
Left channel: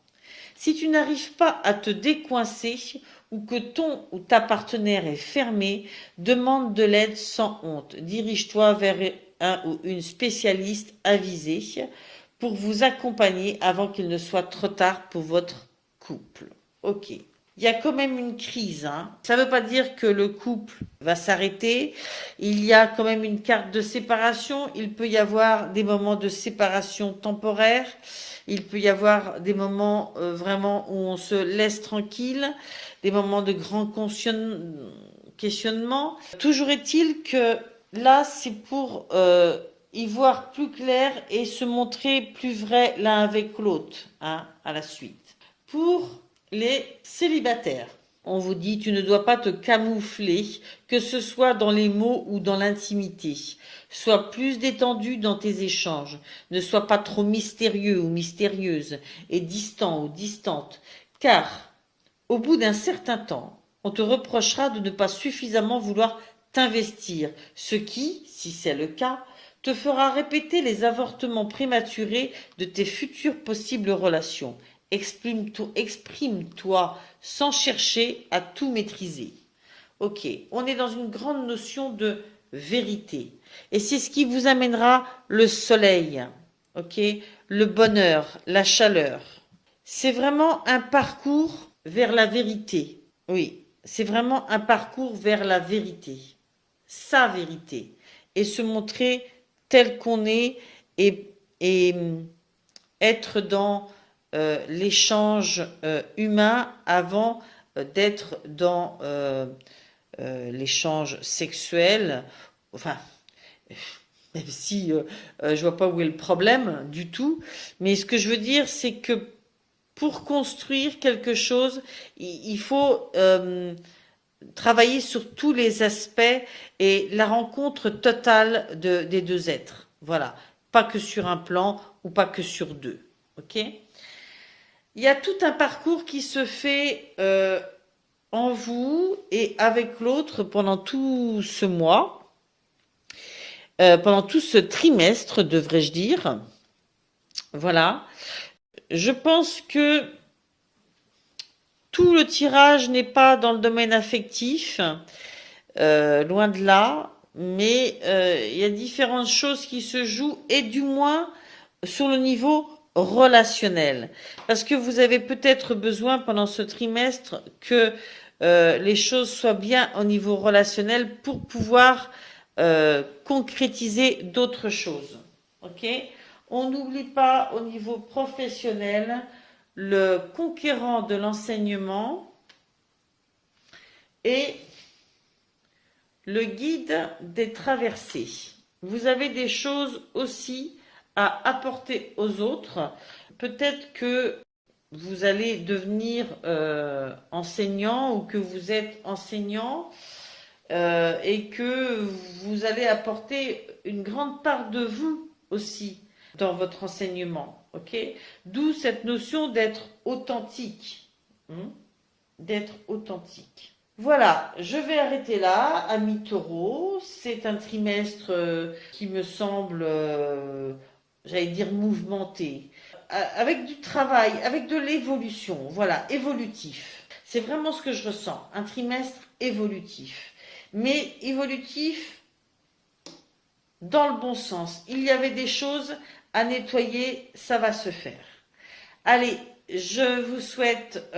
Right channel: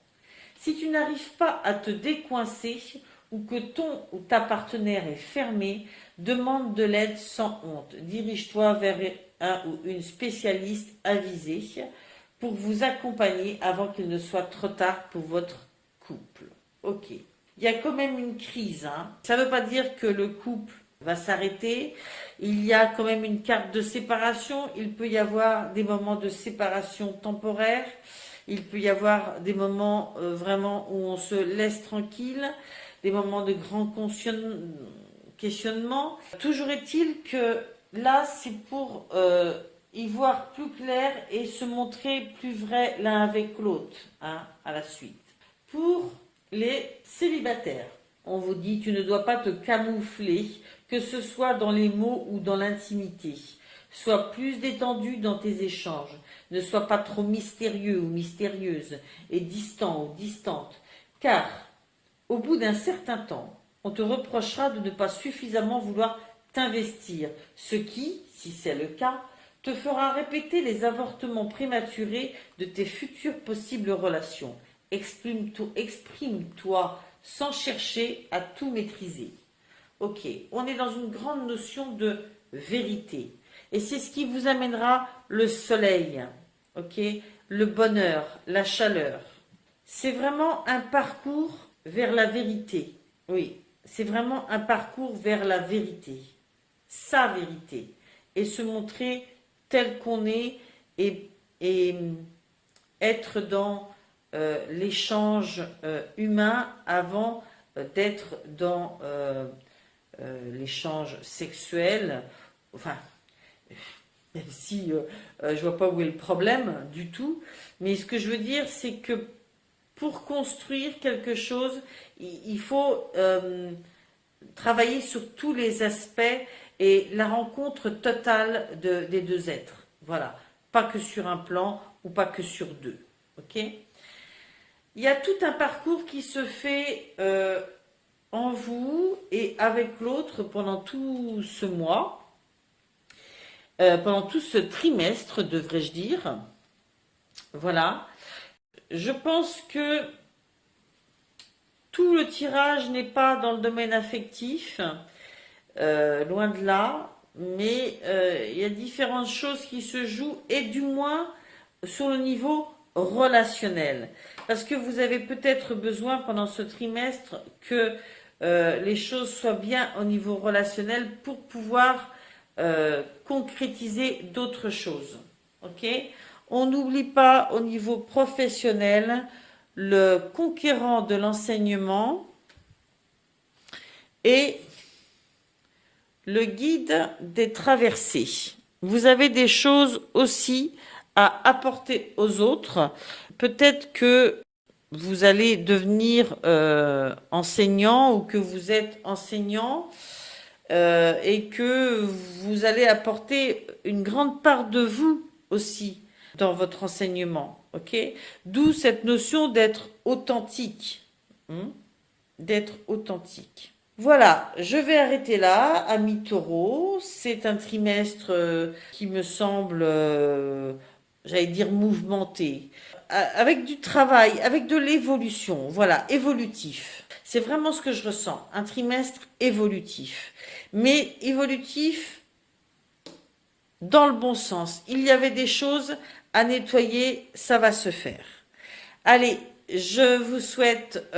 Si tu n'arrives pas à te décoincer ou que ton ou ta partenaire est fermé, demande de l'aide sans honte. Dirige-toi vers un ou une spécialiste avisée pour vous accompagner avant qu'il ne soit trop tard pour votre couple. Ok. Il y a quand même une crise. Hein. Ça ne veut pas dire que le couple va s'arrêter. Il y a quand même une carte de séparation. Il peut y avoir des moments de séparation temporaire. Il peut y avoir des moments vraiment où on se laisse tranquille, des moments de grand questionnement. Toujours est-il que là, c'est pour y voir plus clair et se montrer plus vrai l'un avec l'autre, hein, à la suite. Pour les célibataires, on vous dit tu ne dois pas te camoufler, que ce soit dans les mots ou dans l'intimité. Sois plus détendu dans tes échanges. Ne sois pas trop mystérieux ou mystérieuse et distant ou distante, car au bout d'un certain temps, on te reprochera de ne pas suffisamment vouloir t'investir, ce qui, si c'est le cas, te fera répéter les avortements prématurés de tes futures possibles relations. Exprime-toi sans chercher à tout maîtriser. Ok, on est dans une grande notion de vérité. Et c'est ce qui vous amènera le soleil, ok, le bonheur, la chaleur. C'est vraiment un parcours vers la vérité. Oui, c'est vraiment un parcours vers la vérité. Sa vérité. Et se montrer tel qu'on est et être dans l'échange humain avant d'être dans l'échange sexuel. Enfin, même si je vois pas où est le problème du tout. Mais ce que je veux dire, c'est que pour construire quelque chose, il faut travailler sur tous les aspects et la rencontre totale des deux êtres. Voilà. Pas que sur un plan ou pas que sur deux. Ok ? Il y a tout un parcours qui se fait en vous et avec l'autre pendant tout ce mois, pendant tout ce trimestre, devrais-je dire. Voilà. Je pense que tout le tirage n'est pas dans le domaine affectif, loin de là, mais il y a différentes choses qui se jouent, et du moins sur le niveau relationnel. Parce que vous avez peut-être besoin pendant ce trimestre que les choses soient bien au niveau relationnel pour pouvoir concrétiser d'autres choses. Ok? On n'oublie pas au niveau professionnel le conquérant de l'enseignement et le guide des traversées. Vous avez des choses aussi à apporter aux autres. Peut-être que vous allez devenir enseignant ou que vous êtes enseignant et que vous allez apporter une grande part de vous aussi dans votre enseignement. Ok? D'où cette notion d'être authentique. D'être authentique. Voilà, je vais arrêter là, ami Taureau. C'est un trimestre qui me semble, j'allais dire, mouvementé. Avec du travail, avec de l'évolution. Voilà, évolutif. C'est vraiment ce que je ressens. Un trimestre évolutif. Mais évolutif dans le bon sens. Il y avait des choses à nettoyer, ça va se faire. Allez, je vous souhaite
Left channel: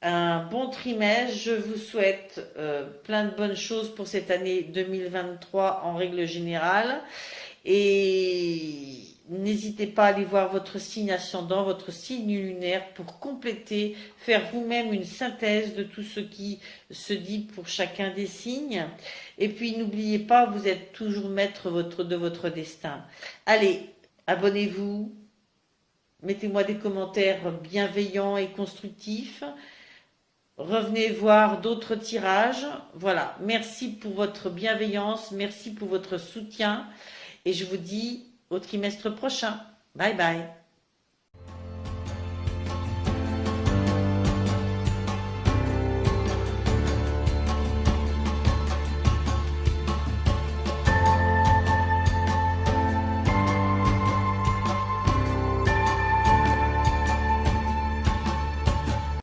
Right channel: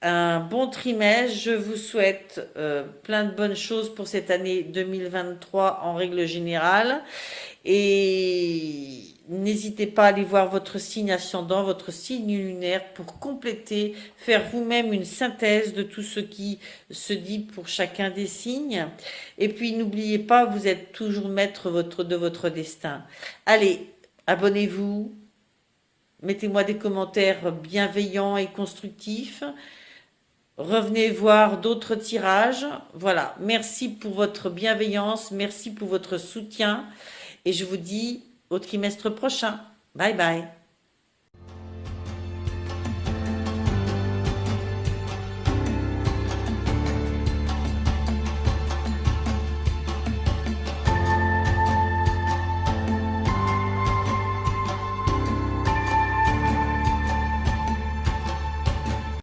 un bon trimestre. Je vous souhaite plein de bonnes choses pour cette année 2023 en règle générale. Et n'hésitez pas à aller voir votre signe ascendant, votre signe lunaire pour compléter, faire vous-même une synthèse de tout ce qui se dit pour chacun des signes. Et puis n'oubliez pas, vous êtes toujours maître de votre destin. Allez, abonnez-vous. Mettez-moi des commentaires bienveillants et constructifs. Revenez voir d'autres tirages. Voilà, merci pour votre bienveillance, merci pour votre soutien. Et je vous dis au trimestre prochain. Bye bye.